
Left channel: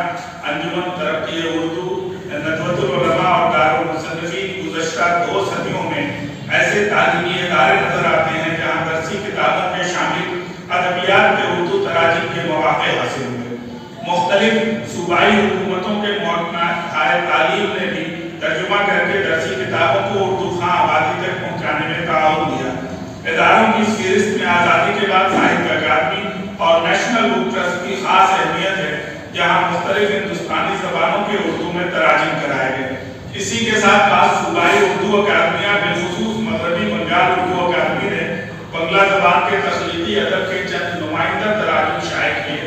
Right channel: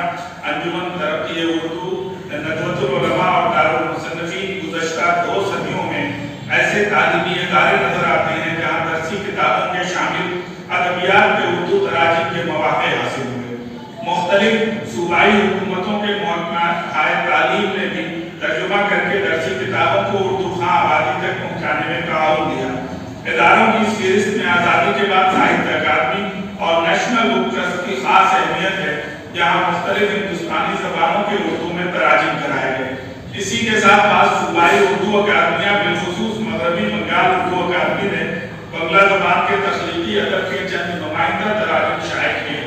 Anjuman Taraqqi Urdu, Nadwatul العلماء اور دارالمصنفین گزشتہ 2 صدیوں میں ایسے تعلیمی ادارے نظر آتے ہیں جہاں درسی کتابوں کے شامل ادبیات کے اردو تراجم کے مواقع حاصل ہوئے۔ مختلف صوبائی حکومتوں کے محکمہ تعلیم نے بھی ترجمہ کر کے درسی کتابوں کو اردو خواں آبادی تک پہنچانے میں تعاون دیا۔ اداروں کی اس فہرست میں آزادی کے بعد ساہتیہ اکادمی اور نیشنل بک ٹرسٹ کی خاص اہمیت ہے جہاں مختلف ہندوستانی زبانوں کے اردو میں تراجم کرائے گئے۔ اسی کے ساتھ بعض صوبائی اردو اکادمیاں بالخصوص مغربی بنگال اردو اکادمی نے بنگلہ زبان کے تخلیقی ادب کے چند نمائندہ تراجم شائع کیے،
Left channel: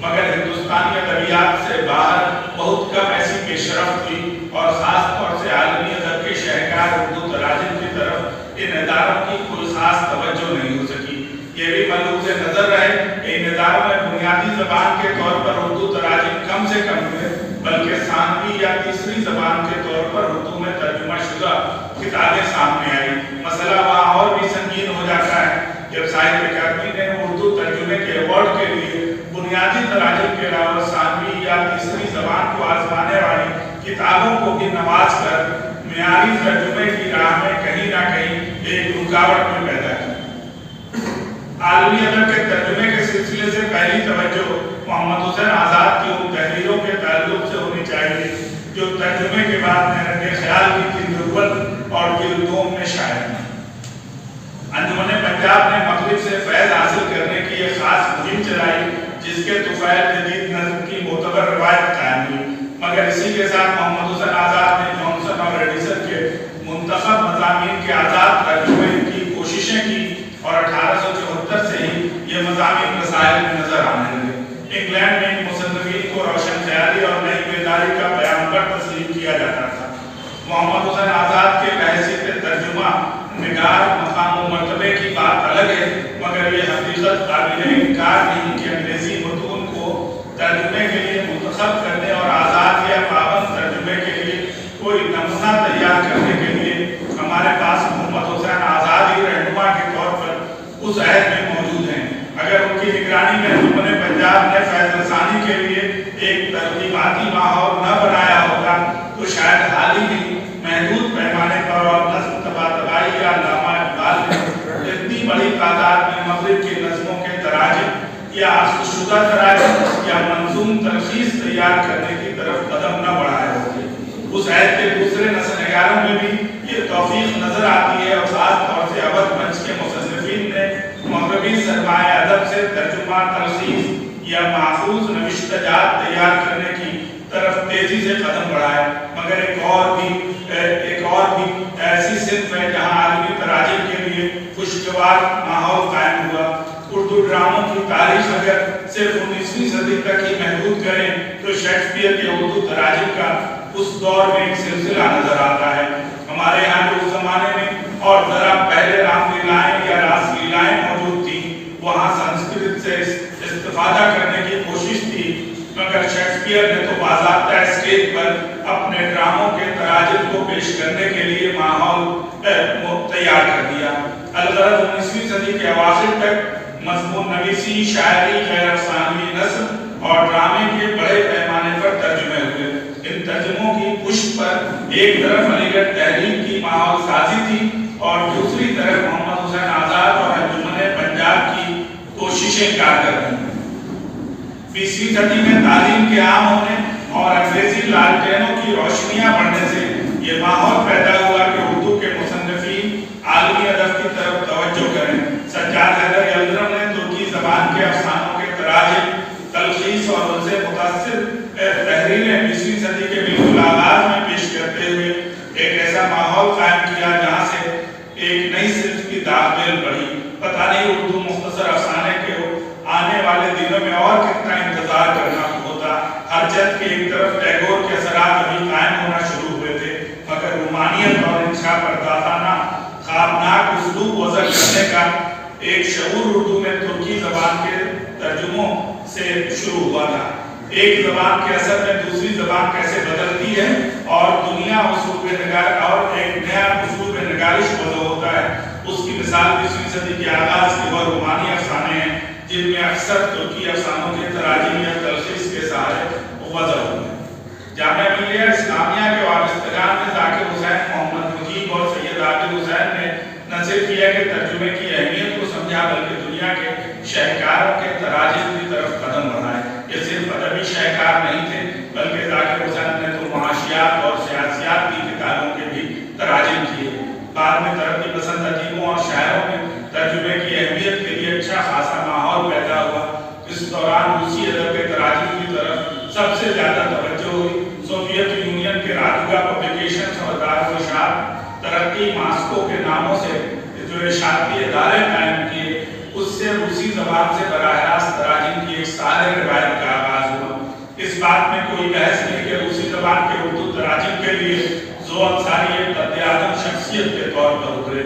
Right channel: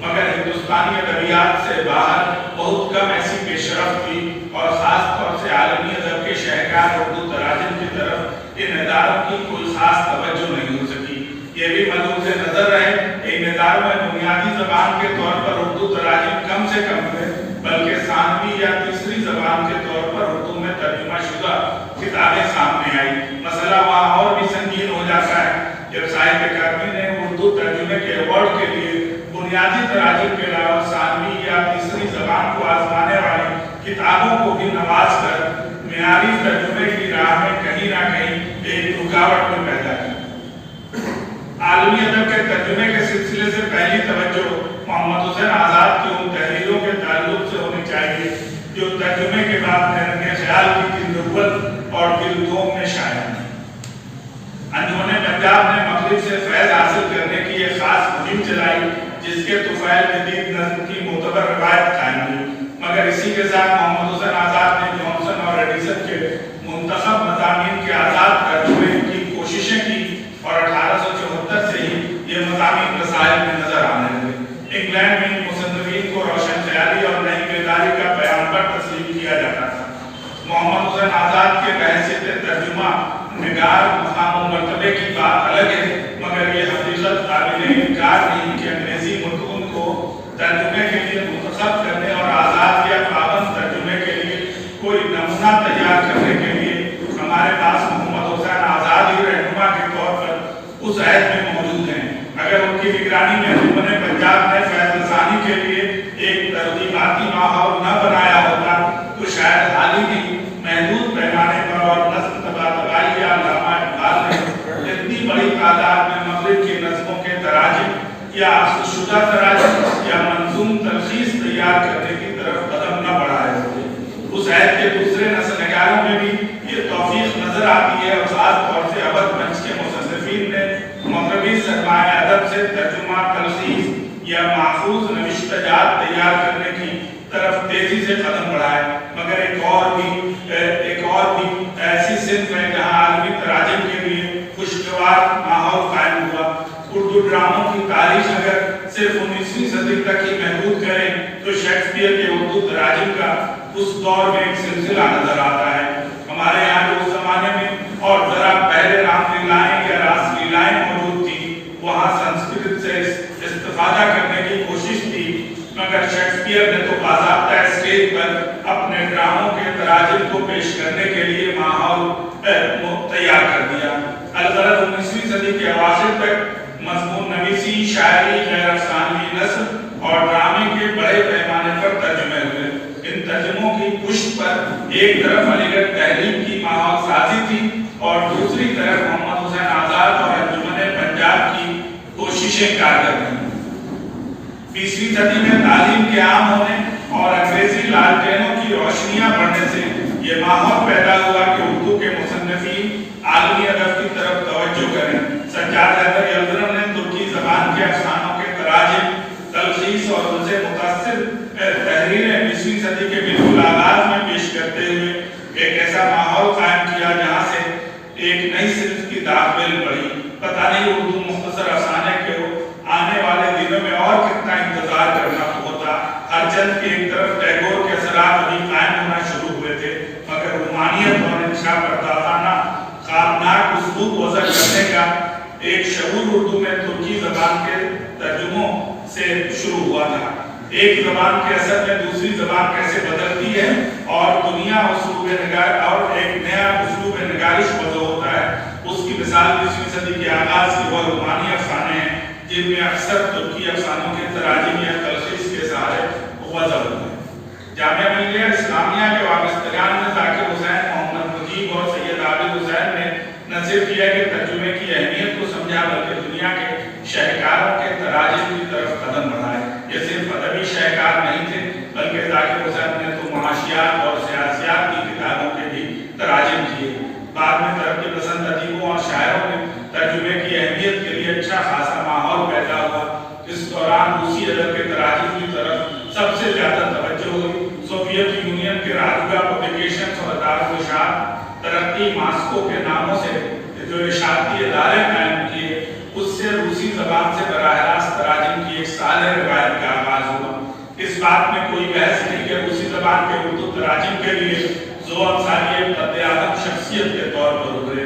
مگر ہندوستانی ادبیات سے باہر بہت کم ایسی پیش رفت تھی اور خاص طور سے عالمی ادب کے شہکار اردو تراجم کی طرف ان اداروں کی کوئی خاص توجہ نہیں ہو سکی۔ یہ بھی ملحوظ نظر رہے کہ ان اداروں میں بنیادی زبان کے طور پر اردو تراجم کم سے کم ہوئے بلکہ ثانوی یا تیسری زبان کے طور پر اردو میں ترجمہ شدہ کتابیں سامنے آئی۔ مسئلہ وہاں اور بھی سنگین ہو جاتا ہے جب ساہتیہ اکادمی نے اردو ترجمے کے ایوارڈ کے لیے بنیادی تراجم کے علاوہ ثانوی یا تیسری زبان کو آزمانے والی کتابوں کو بھی نواز کر معیاری ترجمے کی راہ میں کہیں نہ کہیں ایک رکاوٹ میں پیدا کی۔ عالمی ادب کے ترجمے کے سلسلے سے پہلی توجہ محمد حسین آزاد کی ان تحریروں کے تعلق سے ہونی چاہیے جو ترجمے کے بعد میرے خیال کی ضرورت اور دلدوم میں شائع ہیں۔ انجمن پنجاب نے مغرب سے فیض حاصل کرنے کی ایک خاص مہم چلائی جس کے طفیل جدید نظم کی معتبر روایت قائم ہوئی، مگر اسی کے ساتھ محمد حسین آزاد نے جانسن اور ایڈیسن کے منتخب مضامین کے آزاد ترجمے کی کوششیں کی اور 1874 سے ہی یہ مضامین رسائل میں نظر آنے لگے۔ انگلینڈ میں مصنفین کو روشن خیالی اور نئی بیداری کا پیغمبر تسلیم کیا جاتا تھا۔ محمد حسین آزاد کے بحیثیت ترجمہ نگار مقام و مرتبے کی بات الگ ہے، مگر یہ حقیقت قابل انکار نہیں کہ انگریزی متون کو ترجمے کے لیے منتخب کرنے اور آزاد یا پابند ترجمے کے لیے کوئی نمونہ تیار کرنے کے لیے ہمارے پاس محمد حسین آزاد ہی رہنما کے طور پر اس عہد میں موجود ہیں۔ اگر ان کی نگرانی میں ھیومن پنجاب نے فیض رسانی کے لیے ایک ترجماتی ماحول نہ بنایا ہوتا تو شاید حال ہی نہیں محدود پیمانے پر اور نظم تبادلائی یا علامہ اقبال نے اتنی بڑی تعداد میں مغرب کی نظموں کے تراجم یا افزودہ شدہ تراجم یا منظوم تلخیص تیار کرنے کی طرف قدم نہ بڑھائے ہوتے۔ اس عہد کے دوسرے نسل نگاروں میں بھی یہ توفیق نظر آتی ہے، اور خاص طور سے اول منچ کے مصنفین نے مغربی سرمایہ ادب سے ترجمہ، تلخیص یا محفوظ نوشتہ جات تیار کرنے کی طرف تیزی سے قدم بڑھائے۔ مگر ایک اور بھی ایسی صنف ہے جہاں عالمی تراجم کے لیے خوشگوار ماحول قائم ہوا۔ اردو ڈراموں کی تاریخ اگر صرف 19ویں صدی تک ہی محدود کریں تو شیکسپیئر کے اردو تراجم کا اس دور میں ایک سلسلہ نظر آتا ہے۔ ہمارے یہاں جو اس زمانے میں اور ذرا پہلے رام لیلائیں یا راس لیلائیں موجود تھی، وہاں سنسکرت سے استفادہ کرنے کی کوشش تھی، مگر شیکسپیئر نے تو باضابطہ اسٹیج پر اپنے ڈراموں کے تراجم کو پیش کرنے کے لیے ماحول تیار کر دیا۔ الغرض 19ویں صدی کے اواخر تک مضمون نویسی، شاعری، غیر افسانوی نثر اور ڈرامے کے بڑے پیمانے پر ترجمے ہوئے۔ ان ترجموں کی پشت پر ایک طرف علی گڑھ تحریر کی ماحول سازی تھی اور دوسری طرف محمد حسین آزاد اور ھیومن پنجاب کی کوششیں کارگر تھیں۔ 20ویں صدی میں تعلیم کے عام ہونے اور انگریزی لالٹینوں کی روشنیاں بڑھنے سے یہ ماحول پیدا ہوا کہ اردو کے مصنفین عالمی ادب کی طرف توجہ کریں۔ سجاد حیدر یلدرم نے ترکی زبان کے افسانوں کے تراجم، تلخیص اور ان سے متاثر تحریریں 20ویں صدی کے بالکل آغاز میں پیش کرتے ہوئے ایک ایسا ماحول قائم کیا جہاں سے ایک نئی صنف کی داخل پڑی۔ پتہ نہیں اردو مختصر افسانے کے آنے والے دنوں میں اور کتنا انتظار کرنا ہوتا۔ ہر چند کی ایک طرف ٹیگور کے اثرات ابھی قائم ہونا شروع ہوئے تھے، مگر رومانیت اور انشاء پردازانہ خوابناک اسلوب وضع کرنے کا ایک شعور اردو میں ترکی زبان کے ترجموں سے شروع ہوا تھا۔ ایک زبان کے اثر میں دوسری زبان کیسے بدلتی ہے اور دنیا اسلوب نگار اور ایک نیا اسلوب نگارش وضع ہوتا ہے، اس کی مثال 20ویں صدی کے آغاز کے وہ رومانی افسانے ہیں جن میں اکثر ترکی افسانوں کے تراجم یا تلخیص کے سہارے وضع ہوتا ہے۔ جامعہ ملیہ اسلامیہ کے وابستگان میں ذاکر حسین، محمد مجیب اور سید عادل حسین نے نہ صرف یہ کہ ترجمے کی اہمیت کو سمجھا بلکہ دنیا کے شہکاروں کے تراجم کی طرف قدم بڑھائے۔ یہ صرف ادبی شہکار نہیں تھے بلکہ ذاکر حسین نے تو معاشیات اور سیاسیات کی کتابوں کے بھی تراجم کیے۔ بعد میں ترقی پسند ادیبوں اور شاعروں میں ترجمے کی اہمیت کے لیے اچھا خاصا ماحول پیدا ہوا۔ اس دوران روسی ادب کے تراجم کی طرف سب سے زیادہ توجہ ہوئی۔ سوویت یونین کے رادگا پبلیکیشنز اور دارالاشاعت ترقی ماسکو کے ناموں سے جو اشاعتی ادارے قائم کیے، اس سے روسی زبان سے براہ راست تراجم کی ایک صالح روایت کا آغاز ہوا۔ اس بات میں کوئی بحث نہیں کہ روسی زبان کے اردو تراجم کے لیے زو انصاری ایک قد اعظم شخصیت کے طور پر ابھرے۔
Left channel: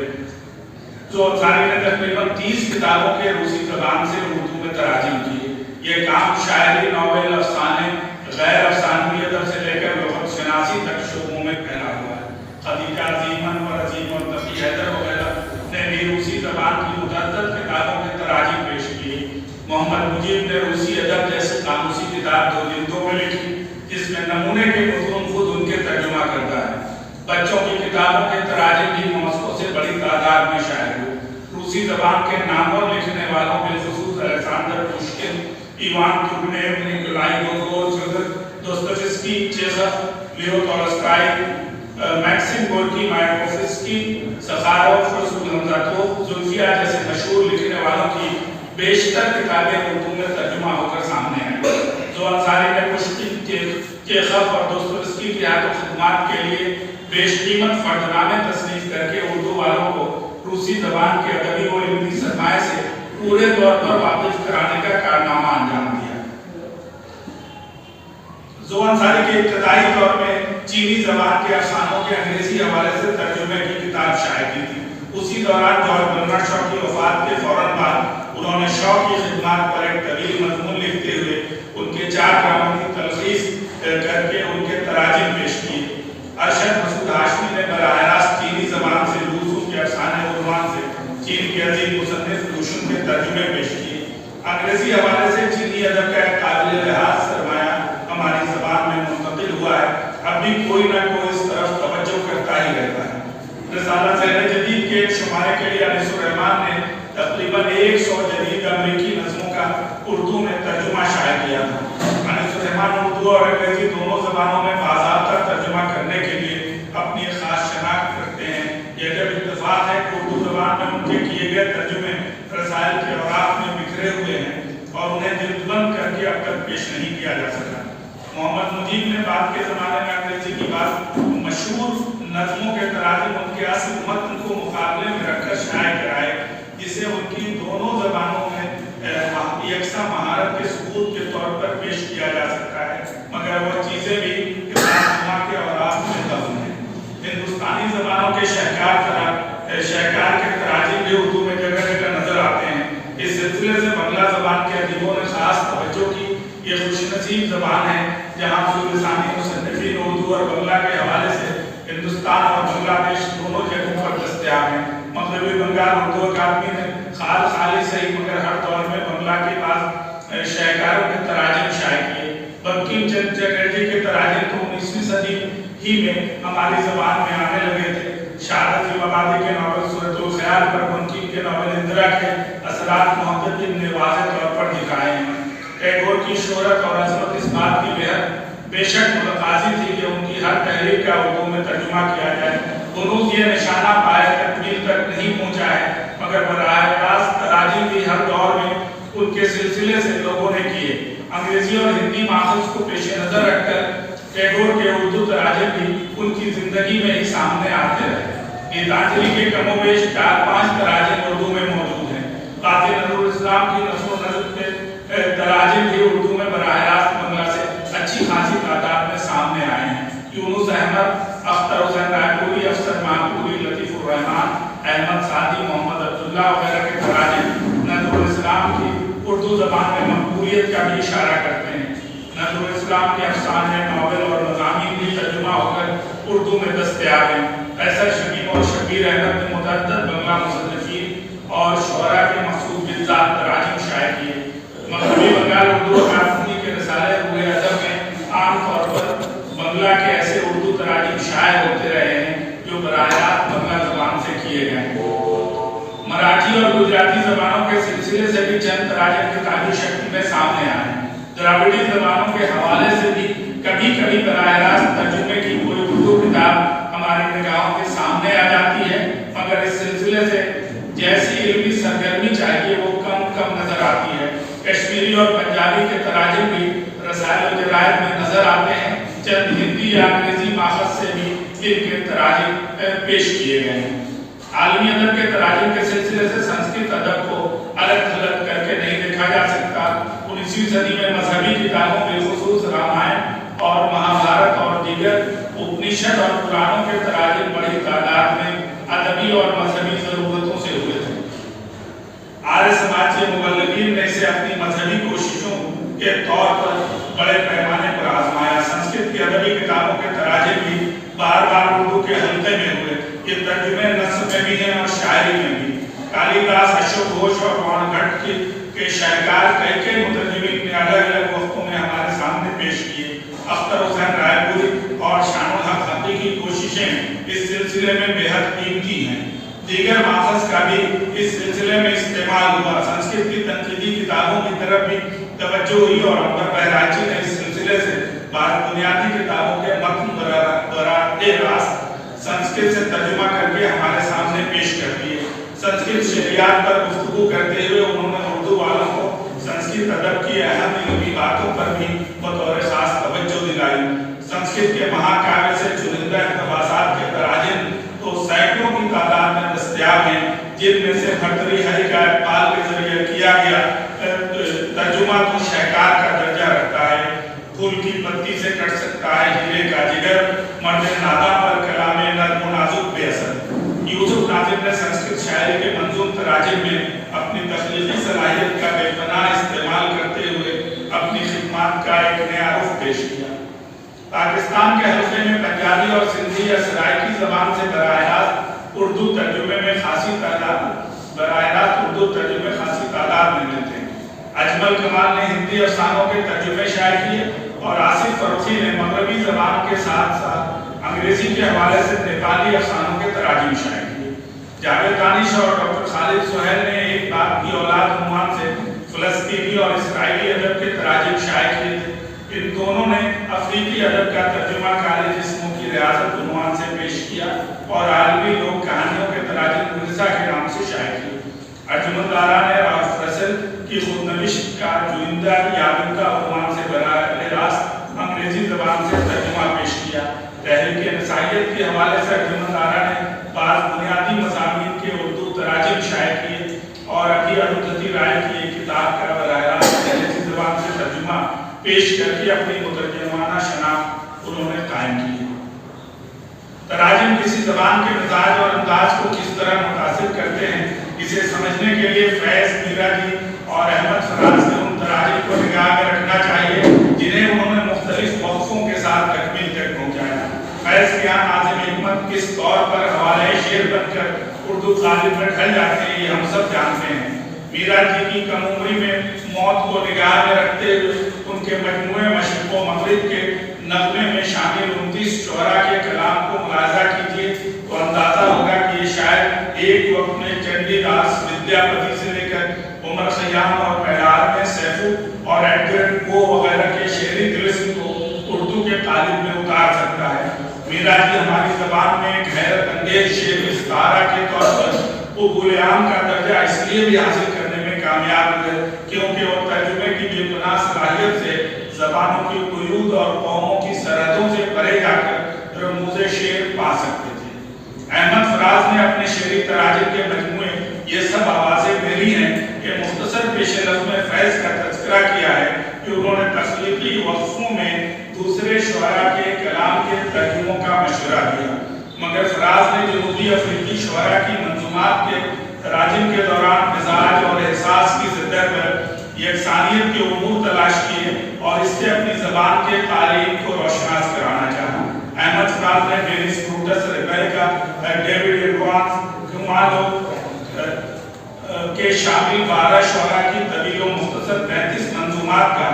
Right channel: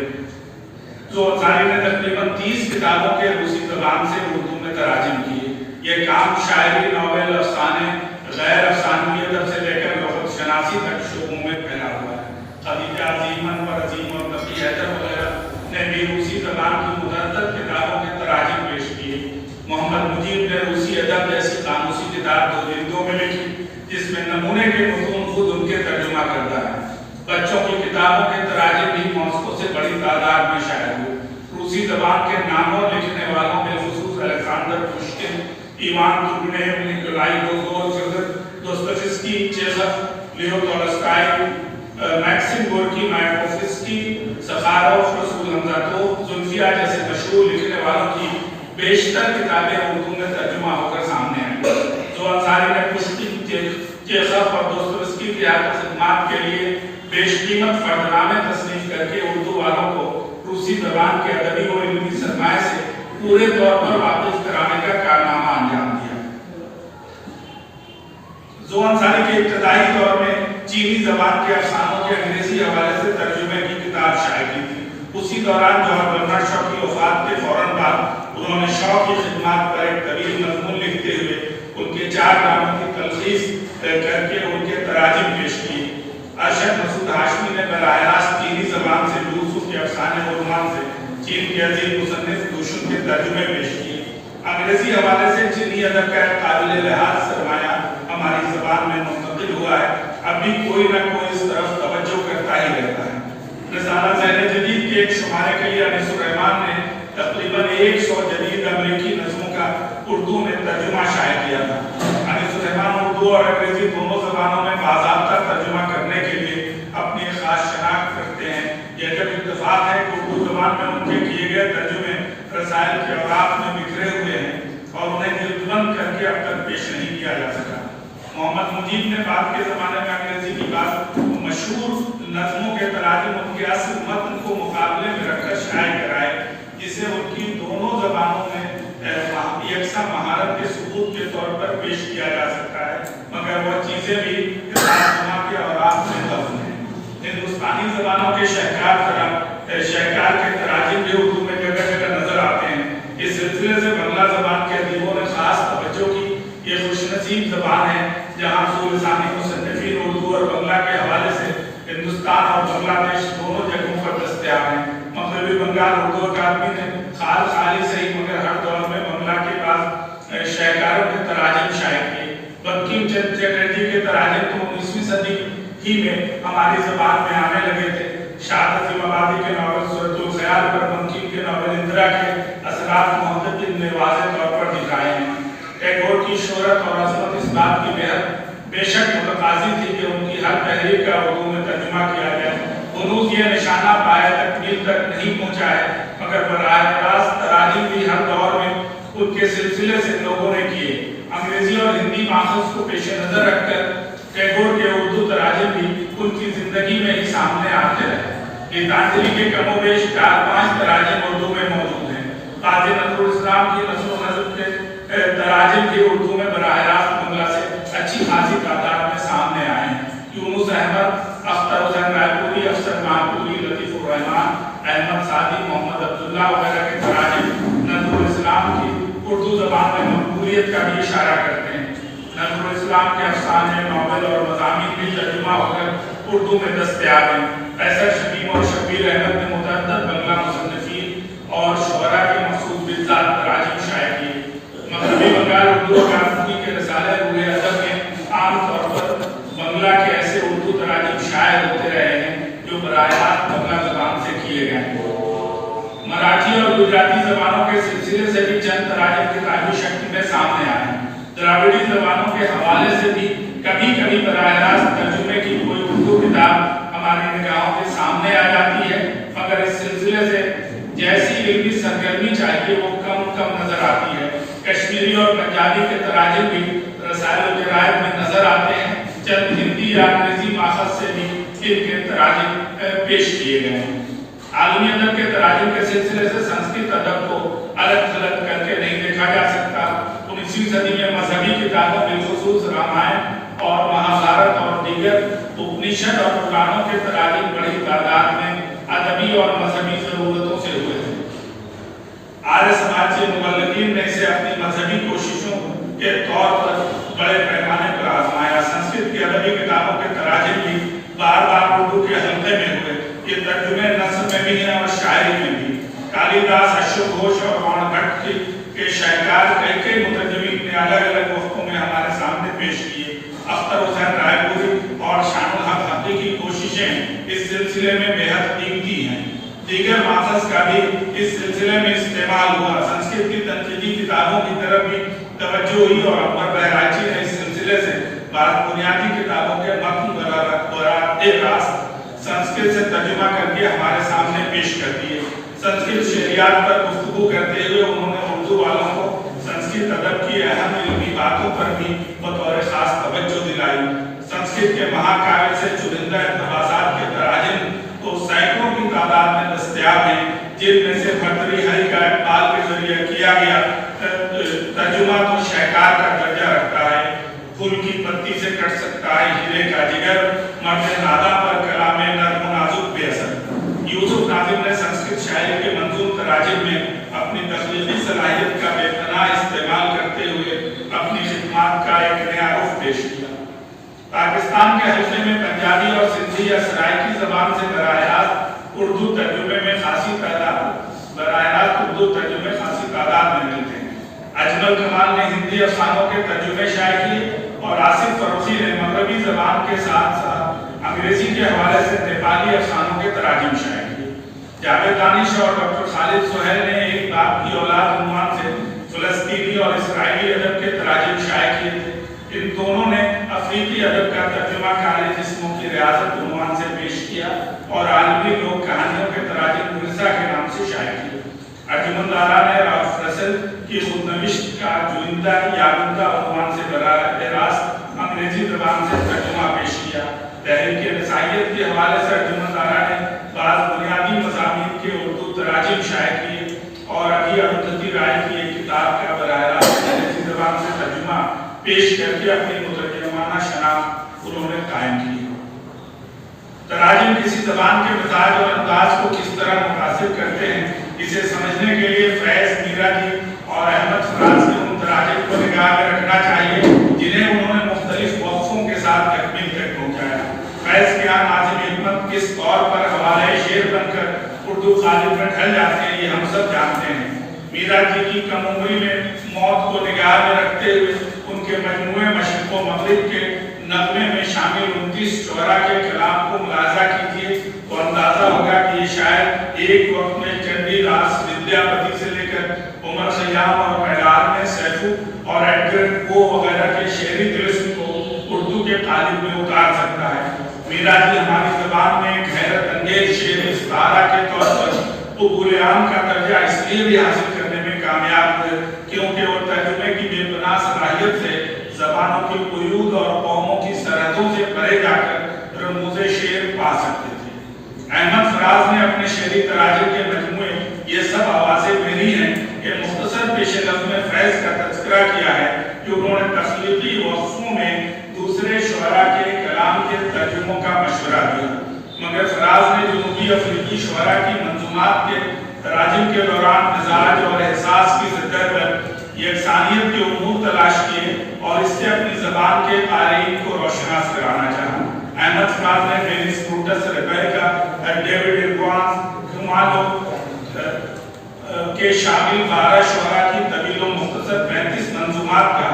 زو انصاری نے تقریباً 30 کتابوں کے روسی زبان سے اردو میں تراجم کیے۔ یہ کام شاعری، ناول، افسانے، غیر افسانوی ادب سے لے کر لغت شناسی تک شعبوں میں پھیلا ہوا ہے۔ خدیجہ عظیمن اور عظیم اور تقی حیدر وغیرہ نے بھی روسی زبان کی متعدد کتابوں کے تراجم پیش کیے۔ محمد مجیب نے روسی ادب جیسی قاموسی کتاب 2 جلدوں میں لکھی جس میں نمونے کے مضمون خود ان کے ترجمہ کرتا ہے۔ بچوں کی کتابوں کے تراجم بھی ماسکو سے بڑی تعداد میں شائع ہوئے۔ روسی زبان کے نامور لکھنے والوں میں خصوص الیگزینڈر پوشکن، ایوان تورگنیو، نیکولائی گوگول، دوستویفسکی، چیخوف، لیو تولستائی، میکسم گورکی، مایاکوفسکی، سخاروف، رسول حمزہ زلفیہ جیسے مشہور لکھنے والوں کی بیشتر کتابیں اردو میں ترجمہ ہو کر سامنے آئیں۔ جو انصاری نے پشکن، چیخوف اور دوستویفسکی کی خدمات کے لیے بیش قیمت فردنامے تصنیف کر کے اردو والوں کو روسی زبان کے ادبی و علمی پورے طور پر واپس کرانے کا کارنامہ انجام دیا۔ زبان ساری کے ابتدائی دور میں چینی زبان کے افسانوں کے انگریزی حوالے سے ترجمے کی کتاب شائع کی تھی۔ اسی دوران جوہر برنرڈ شاہ کی وفات کے فوراً بعد انہوں نے شاہ کی خدمات پر ایک طویل مضمون لکھتے ہوئے ان کے 4 ڈراموں کی تلخیص کر کے ان کے تراجم پیش کیے۔ ارشد مسعود ہاشمی نے براہ راست چینی زبان سے یوسف کے افسانے رومان سے چین کے عظیم مصنف کوشن کے ترجمے پیش کیے۔ انگریزی حوالے سے چینی ادب کا ایک قابل لحاظ سرمایہ ہماری زبان میں منتقل ہوا ہے، اب بھی کوئی نہ کوئی اس طرف توجہ کرتا ہی رہتا ہے۔ رسالہ ذہن جدید کے ایک شمارے کے لیے انیس الرحمان نے تقریباً 100 جدید امریکی نظموں کا اردو میں ترجمہ شائع کیا تھا۔ انیس الرحمان اردو اور انگریزی دونوں زبانوں میں باضابطہ ترجمہ کرنے کے لیے اپنی خاص شناخت رکھتے ہیں۔ یہ جب اتفاق ہے کہ اردو زبان میں ان کے کیے گئے ترجمے رسائل کے اوراق میں بکھرے ہوئے ہیں اور انہیں جلد بند کر کے اب تک پیش نہیں کیا جا سکا۔ محمد مجید نے بعد کے زمانے میں انگریزی کی بات مشہور نظموں کے تراجم ان کے اصل متن کو مقابلے میں رکھ کر شائع کرائے، جسے ان کی دونوں زبانوں میں یکساں مہارت کے ثبوت کے طور پر پیش کیا جا سکتا ہے، مگر وہ چیزیں بھی کتاب کے اوراق میں دفن ہیں۔ ہندوستانی زبانوں کے شہکار کے تراجم بھی اردو میں جگہ جگہ نظر آتے ہیں۔ اس سلسلے سے بنگلہ زبان کے ادیبوں نے خاص توجہ کی۔ یہ خوش نصیب زبان ہے جہاں اصول لسانی مصنفین اردو اور بنگلہ کے حوالے سے ہندوستان اور بنگلہ دیش دونوں جگہوں پر دستیاب ہیں۔ مغربی بنگال اردو اکادمی نے خالی صحیح مگر ہر دور میں بنگلہ کے بعض شہکاروں کے تراجم شائع کیے۔ بنکم چندر چٹرجی کے تراجم تو 19ویں صدی ہی میں ہماری زبان میں آنے لگے تھے۔ شاہد آبادی کے ناول صورت الخیال پر بنکم کے ناول اندرا کے اثرات محققین نے واضح طور پر دکھائے ہیں۔ ٹیگور کی شہرت اور عظمت اس بات کی بے شک متقاضی تھی کہ ان کی ہر تحریر کا اردو میں ترجمہ کیا جائے۔ ہنوز یہ نشانہ پائے تکمیل تک نہیں پہنچا ہے، مگر براہ راست تراجم بھی ہر دور میں ان کے سلسلے سے لوگوں نے کیے۔ انگریزی اور ہندی ماخذ کو پیش نظر رکھ کر ٹیگور کے اردو تراجم بھی ان کی زندگی میں ہی سامنے آتے رہے۔ گیتانجلی کے کم و بیش 4-5 تراجم اردو میں موجود ہیں۔ قاضی نظر الاسلام کی نظم و نظم کے تراجم بھی اردو میں براہ راست بنگلہ سے اچھی خاصی تعداد میں سامنے آئے ہیں۔ یونس احمد، اختر حسین رائے پوری، افسر مانپوری، لطیف الرحمان، احمد سعدی، محمد عبداللہ وغیرہ کے تراجم نظم الاسلام کی اردو زبان میں مقبولیت کا بھی اشارہ کرتے ہیں۔ نظم الاسلام کے افسانے، ناول اور مضامین بھی ترجمہ ہو کر اردو میں دستیاب ہیں۔ ایسر شکیم اور شبیر احمد نے متعدد بنگلہ مصنفین اور شعراء کے مخصوص بالذات تراجم شائع کیے۔ مغربی بنگال اردو اکادمی کے رسالے روح ادب میں عام طور پر بنگلہ کے ایسے اردو تراجم شائع ہوتے رہے ہیں جو براہ راست بنگلہ زبان سے کیے گئے ہیں۔ مراٹھی اور گجراتی زبانوں کے سلسلے سے بھی چند تراجم کتابی شکل میں سامنے آئے ہیں۔ دراوڑی زبانوں کے حوالے سے بھی کبھی کبھی براہ راست ترجمے کی کوئی اردو کتاب ہماری نگاہوں کے سامنے آ جاتی ہے، مگر اس سلسلے سے جیسی علمی سرگرمی چاہیے وہ کم نظر آتی ہے۔ کشمیری اور پنجابی کے تراجم بھی رسائل و جرائد میں نظر آتے ہیں۔ چند ہندی یا انگریزی ماخذ سے بھی ان کے تراجم پیش کیے گئے ہیں۔ عالمی ادب کے تراجم کے سلسلے سے سنسکرت ادب کو الگ تھلگ کر کے نہیں دیکھا جا سکتا۔ 19ویں صدی میں مذہبی کتابوں بالخصوص رامائن اور مہابھارت اور دیگر اپنشد اور پرانوں کے تراجم بڑی تعداد میں ادبی اور مذہبی ضرورتوں سے ہوئے تھے۔ آریہ سماج کے مبلغین نے اسے اپنی مذہبی کوششوں کے طور پر بڑے پیمانے پر آزمایا۔ سنسکرت کی ادبی کتابوں کے تراجم بھی بار بار اردو کے حلقے میں ہوئے۔ یہ ترجمے نثر میں بھی ہیں اور شاعری میں بھی۔ کالی داس، اشوک گھوش اور وانگھٹ کے شاہکار کئی مترجمین نے الگ الگ وقتوں میں ہمارے سامنے پیش کیے۔ اختر حسین رائے پوری اور شان الحق حقی کی کوششیں اس سلسلے میں بے حد قیمتی ہیں۔ دیگر ماخذ کا بھی اس سلسلے میں استعمال ہوا۔ سنسکرت کی تنقیدی کتابوں کی طرف بھی توجہ ہوئی اور اکبر بہرائچی نے اس سلسلے سے بعض بنیادی کتابوں کے متن براہ راست سنسکرت سے ترجمہ کر کے ہمارے سامنے پیش کر دیے۔ سنسکرت شعریات پر گفتگو کرتے ہوئے انہوں نے اردو والوں کو سنسکرت ادب کی اہم علمی باتوں پر بھی بطور خاص توجہ دلائی۔ سنسکرت کے مہاکاویہ سے چنندہ اقتباسات کے تراجم تو سینکڑوں کی تعداد میں دستیاب ہیں، جن میں سے بھرتری ہری کا اقبال کے ذریعے کیا دیا گیا ترجمہ تو شہکار کا درجہ رکھتا ہے. پھول کی پتی سے کٹ سکتا ہے ہیرے کا جگر، مرد نادا پر کلام نرم و نازک بے اثر. یوسف ناظم نے سنسکرت شاعری کے منظوم تراجم میں اپنی تخلیقی صلاحیت کا بے پناہ استعمال کرتے ہوئے اپنی خدمات کا ایک نیا رخ پیش کیا. پاکستان کے حلقے میں پنجابی اور سندھی یا سرائکی زبان سے براہ راست اردو ترجمے میں خاصی تعداد میں ملتے ہیں. اجمل کمال نے ہندی افسانوں کے ترجمے شائع کیے اور آصف فروخی نے مغربی زبان کے ساتھ ساتھ انگریزی کے حوالے سے نیپالی افسانوں کے تراجم شائع کیے. جاوید دانش اور ڈاکٹر خالد سہیل نے ایک باپ کی اولاد عنوان سے فلسطینی اور اسرائیلی ادب کے تراجم شائع کیے تھے. ان دونوں نے افریقی ادب کا ترجمہ کالے جسموں کی ریاست عنوان سے پیش کیا اور عالمی لوک کہانیوں کے تراجم مرزا کے نام سے شائع کیے. ارجمن لارا نے رالف رسل کی خود نوشت کا جوئندہ یابندہ عنوان سے براہ راست انگریزی زبان سے ترجمہ پیش کیا. تحریک نسائیت کے حوالے سے ارجمن لارا نے بعض بنیادی مضامین کے اردو تراجم شائع کیے اور ابھی اروندھتی رائے کی ایک کتاب کا براہ راست انگریزی زبان سے ترجمہ پیش کر کے اپنی مترجمانہ شناخت انہوں نے قائم کی. تراجم کسی زبان کے مزاج اور انداز کو کس طرح متاثر کرتے ہیں، اسے سمجھنے کے لیے فیض میرا جی اور احمد فراز کے ان تراجم کو نگاہ میں رکھنا چاہیے جنہیں انہوں نے مختلف وقفوں کے ساتھ تکمیل تک پہنچایا. فیض کیا ناظم حکمت کس طور پر حوالے شعر بن کر اردو قالب میں ڈھل جاتے ہیں یہ ہم سب جانتے ہیں. میرا جی کی کم عمری میں موت کو نگاہ میں رکھتے ہوئے ان کے مجموعے مشرق و مغرب کے نغمے میں شامل 29 شعراء کے کلام کو ملاحظہ کیجیے تو اندازہ ہوگا کہ یہ شاعر ایک وقت میں چندی داس ودیاپتی سے لے کر عمر خیام اور پیلار میں سیفو اور ایڈگر پو وغیرہ کے شعری طلسم کو اردو کے قالب میں اتار سکتا ہے. میرا جی ہماری زبان میں ایک حیرت انگیز شعر استعارہ کے طور پر قبول عام کا درجہ اس لیے بھی حاصل کرنے میں کامیاب ہوئے کیونکہ وہ ترجمے کی بے پناہ صلاحیت سے زبانوں کی قیود اور قوموں کی سرحدوں سے پرے جا کر رموز شعر پا سکتے تھے. احمد فراز نے اپنے شعری تراجم کے مجموعے یہ سب آوازیں ملی ہیں کہ مختصر پیش نظم میں فیض کا تذکرہ کیا ہے کہ انہوں نے تخلیقی وقفوں میں دوسرے شعراء کے کلام کے ترجموں کا مشورہ دیا. مگر فراز نے جنوبی افریقی شعراء کی منظومات کے تراجم کے دوران مزاج اور احساس کی سطح پر یکسانیت کے امور تلاش کیے اور اس سے اپنی زبان کے قارئین کو روشناس کرانا چاہا. احمد فراز نے فیلکس بروٹس ریبیکا ڈیوڈ ایروانس ہیومن کے شامل 12 شعراء کی طویل و مختصر 35 منظومات کا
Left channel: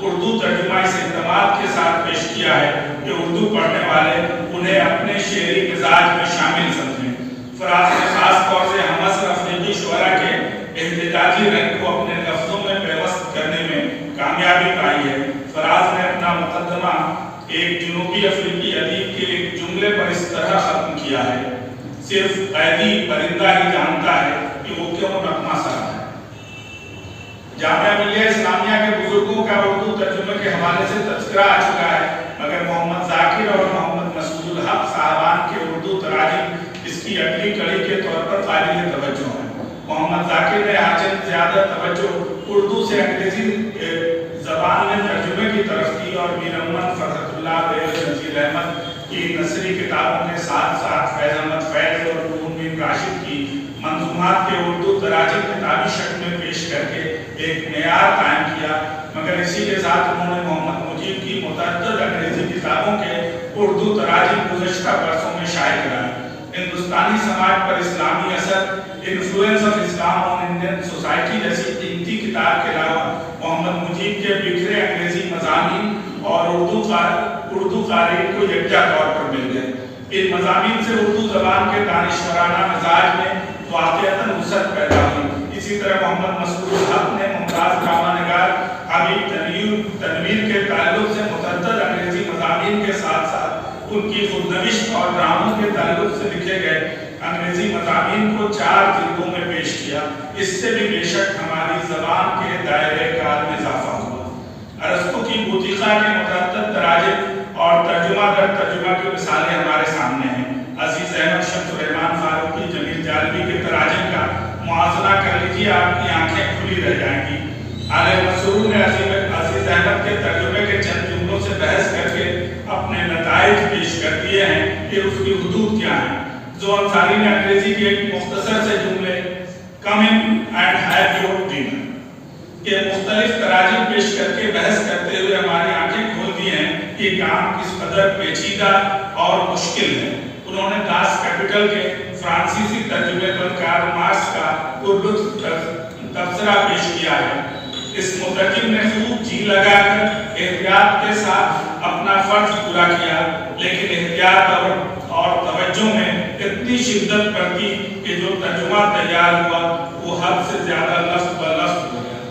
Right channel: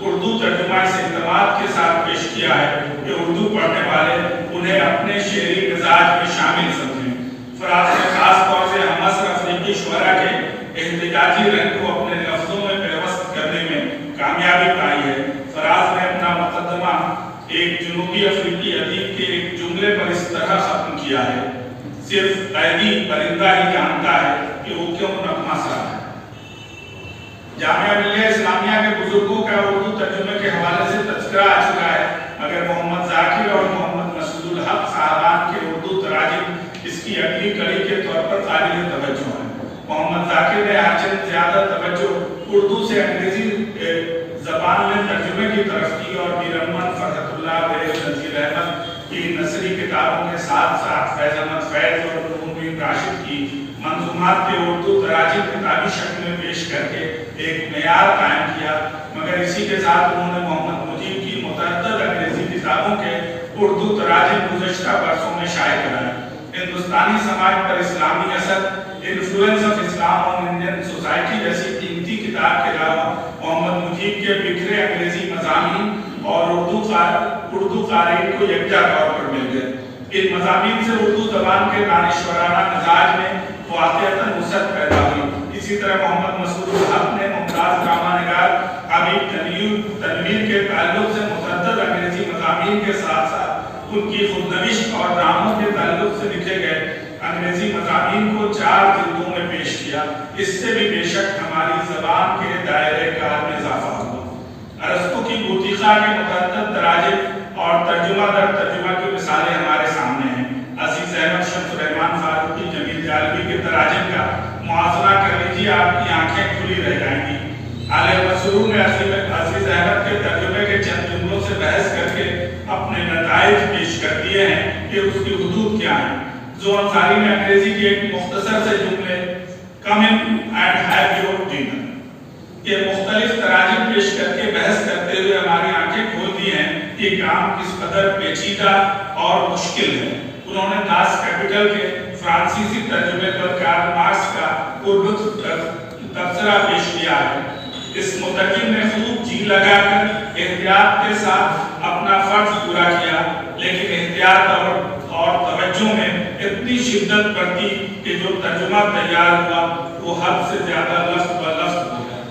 اردو ترجمہ اس اہتمام کے ساتھ پیش کیا ہے کہ اردو پڑھنے والے انہیں اپنے شعری مزاج میں شامل سمجھیں. فراز نے خاص طور سے ہم عصر افریقی شعراء کے احتجاجی رنگ کو اپنے لفظوں میں پیوست کرنے میں کامیابی پائی ہے. فراز نے اپنا مقدمہ ایک جنوبی افریقی ادیب کے ایک جملے پر اس طرح ختم کیا ہے: صرف قیدی پرندہ ہی جانتا ہے کہ وہ کیوں نغمہ سرا ہے. جامعہ ملیہ اسلامیہ کے بزرگوں کا اردو ترجمے کے حوالے سے تذکرہ آ چکا ہے مگر محمد ذاکر اور محمد مسعود الحق صاحبان کے اردو تراجم اس کی اگلی کڑی کے طور پر قابل توجہ ہیں. محمد ذاکر نے آچند زیادہ توجہ اردو سے انگریزی زبان میں ترجمے کی طرف کی اور میر امن، فرحت اللہ، بیر نذیر احمد کی نثری کتابوں کے ساتھ ساتھ فیض احمد فیض اور بن راشد کی منظومات کے اردو تراجم کتابی شکل میں پیش کر کے ایک معیار قائم کیا. مگر اسی کے ساتھ انہوں نے محمد مجیب کی متعدد انگریزی کتابوں کے اردو تراجم گزشتہ برسوں میں شائع کرائے. ہندوستانی سماج پر اسلامی اثر، influence of Islam on Indian society جیسی قیمتی کتاب کے علاوہ محمد مجیب کے بکھرے انگریزی مضامین اور اردو قارئین کو یکجا طور پر مل گئے. ان مضامین سے اردو زبان کے دانشورانہ مزاج میں واقعتاً وسعت پیدا ہوئی. اسی طرح محمد مسعود الحق نے ممتاز ڈرامہ نگار حبیب تنویر کے تعلق سے متعدد انگریزی مضامین کے ساتھ ساتھ ان کی خود نوشت اور ڈراموں کے تعلق سے لکھے گئے انگریزی مضامین کو 4 جلدوں میں پیش کیا. اس سے بھی بے شک ہماری زبان کے دائرۂ کار میں اضافہ ہوا. ارسطو کی بوتیقہ کے متعدد تراجم اور ترجمہ در ترجمہ کی مثالیں ہمارے سامنے ہیں. عزیز احمد شمس الرحمان فاروقی، جمیل جالبی کے تراجم کا موازنہ کر لیجیے سمجھیے آپ کی آنکھیں کھلی رہ جائیں گی. عالم مسرور میں عزیز احمد کے ترجمے کے چند جملوں سے بحث کر کے اپنے نتائج پیش کر دیے ہیں کہ اس کی حدود کیا ہیں. جو انصاری نے انگریزی کے ایک مختصر سے جملے come and have your dinner یہ مختلف تراجم پیش کر کے بحث کرتے ہوئے ہماری آنکھیں کھول دی ہیں کہ کام کس قدر پیچیدہ اور مشکل ہے. انہوں نے داس کیپٹل کے فرانسیسی ترجمے پر کارل مارکس کا اردو تبصرہ پیش کیا ہے. اس مترجم نے خوب جی لگا کر احتیاط کے ساتھ اپنا فرض پورا کیا، لیکن احتیاط اور توجہ میں اتنی شدت برتی کہ جو ترجمہ تیار ہوا وہ حد سے زیادہ لفظ بلفظ ہو گیا.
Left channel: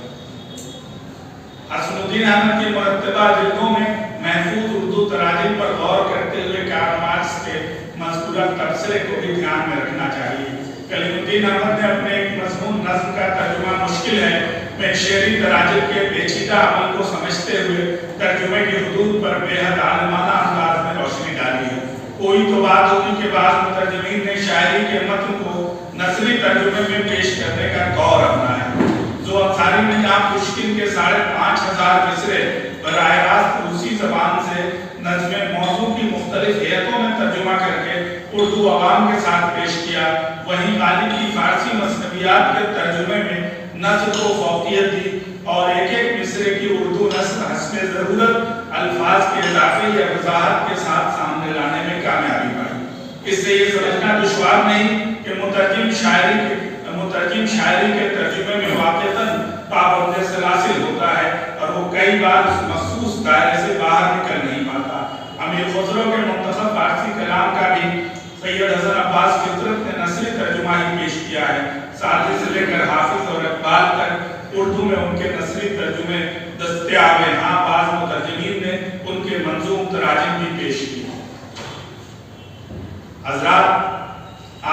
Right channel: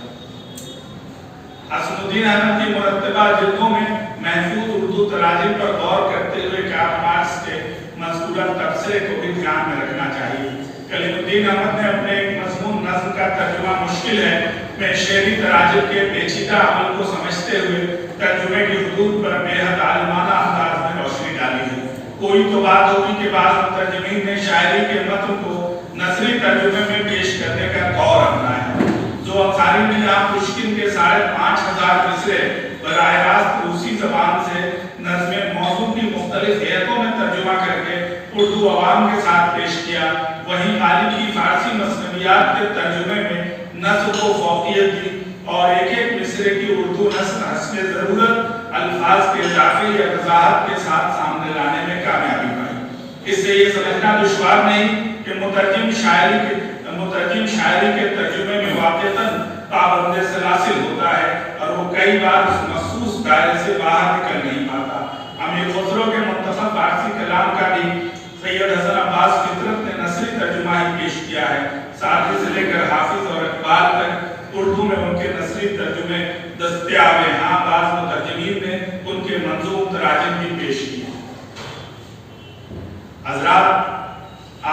حسن الدین احمد کی مرتبہ جلدوں میں محفوظ اردو تراجم پر غور کرتے ہوئے کارل مارکس کے مذکورہ تبصرے کو بھی دھیان میں رکھنا چاہیے. کلیم الدین احمد نے اپنے ایک مضمون نظم کا ترجمہ مشکل ہے میں شعری تراجم کے پیچیدہ عمل کو سمجھتے ہوئے ترجمے کی حدود پر بے حد عالمانہ انداز میں روشنی ڈالی ہے. کوئی تو بات ہوگی کہ بعض مترجمین نے شاعری کے متن کو نثری ترجمے میں پیش کرنے کا دور اپنایا ہے. جو انصاری نے یہاں پشکن کے 5,500 مصرے براہ راست روسی زبان سے نظم موضوع کی مختلف ہیئتوں میں ترجمہ کر کے اردو عوام کے ساتھ پیش کیا، وہیں غالب کی فارسی مثنویات کے ترجمے میں نثر کو فوقیت دی اور ایک ایک مصرے کی اردو نثر حسب ضرورت الفاظ کے اضافے یا وضاحت کے ساتھ سامنے لانے میں کامیابی پائی. اس سے یہ سمجھنا دشوار نہیں کہ مترجم شاعری کے ترجمے میں واقعتاً پابند سلاسل ہوتا ہے اور وہ کئی بار اس مخصوص دائرے سے باہر نکل نہیں پاتا. امیر خسرو کے منتخب فارسی کلام کا بھی سید حسن عباس فطرت نے نثری ترجمہ ہی پیش کیا ہے. ساتھی سے لے کر حافظ اور اقبال تک اردو میں ان کے نثری ترجمے دستیاب ہیں. ہاں بعض مترجمین نے ان کے منظوم تراجم بھی پیش کیے. حضرات،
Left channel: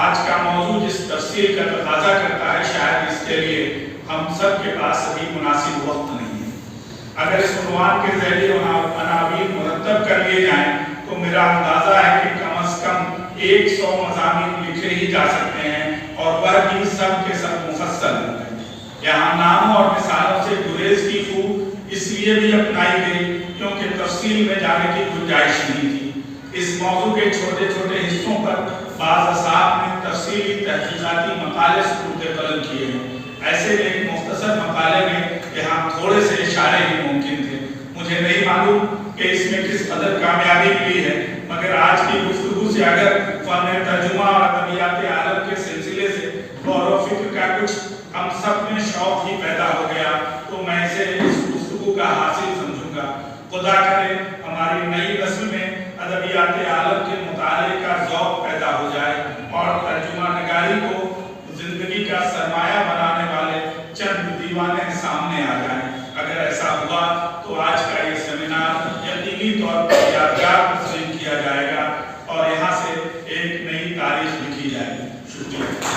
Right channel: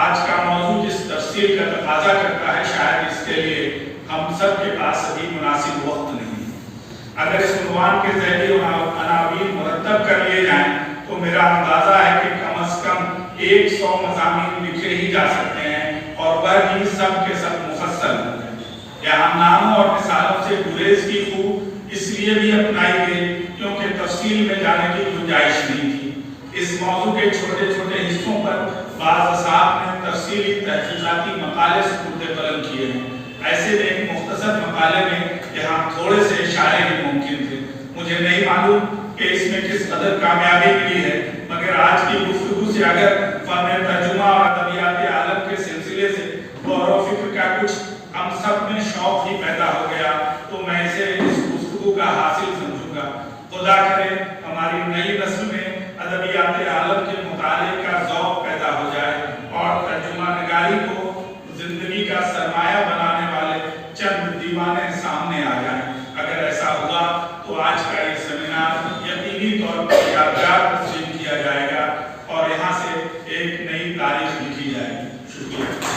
آج کا موضوع جس تفصیل کا تقاضا کرتا ہے شاید اس کے لیے ہم سب کے پاس ابھی مناسب وقت نہیں ہے. اگر اس عنوان کے ذیلی عناوین مرتب کر لیے جائیں تو میرا اندازہ ہے کہ کم از کم 100 مضامین لکھے ہی جا سکتے ہیں اور وہ بھی سب کے سب مفصل ہوتے ہیں. یہاں ناموں اور مثالوں سے گریز کی خوب اس لیے بھی اپنائی گئی کیونکہ تفصیل میں جانے کی گنجائش نہیں تھی. اس موضوع کے چھوٹے چھوٹے حصوں پر بعض اساتذہ نے تفصیلی تحقیقاتی مقالے سپرد قلم کیے ہیں. ایسے ایک مختصر مقالے میں یہاں تھوڑے سے اشارے ہی ممکن تھے. مجھے نہیں معلوم کہ اس میں کس قدر کامیابی ملی ہے، مگر آج کی گفتگو سے اگر فن ترجمہ اور ادبیات عالم کے سلسلے سے غور و فکر کا کچھ ہم سب میں شوق ہی پیدا ہو گیا تو میں اسے اس گفتگو کا حاصل سمجھوں گا. خدا کرے ہماری نئی نسل میں ادبیات عالم کے مطالعے کا ذوق پیدا ہو جائے اور ترجمہ نگاری کو زندگی کا سرمایہ بنانے والے چند دیوانے سامنے آ جائیں. اگر ایسا ہوا تو آج کا یہ سیمینار یقینی طور پر یادگار تسلیم کیا جائے گا اور یہاں سے ایک نئی تاریخ لکھی جائے گی. شکریہ.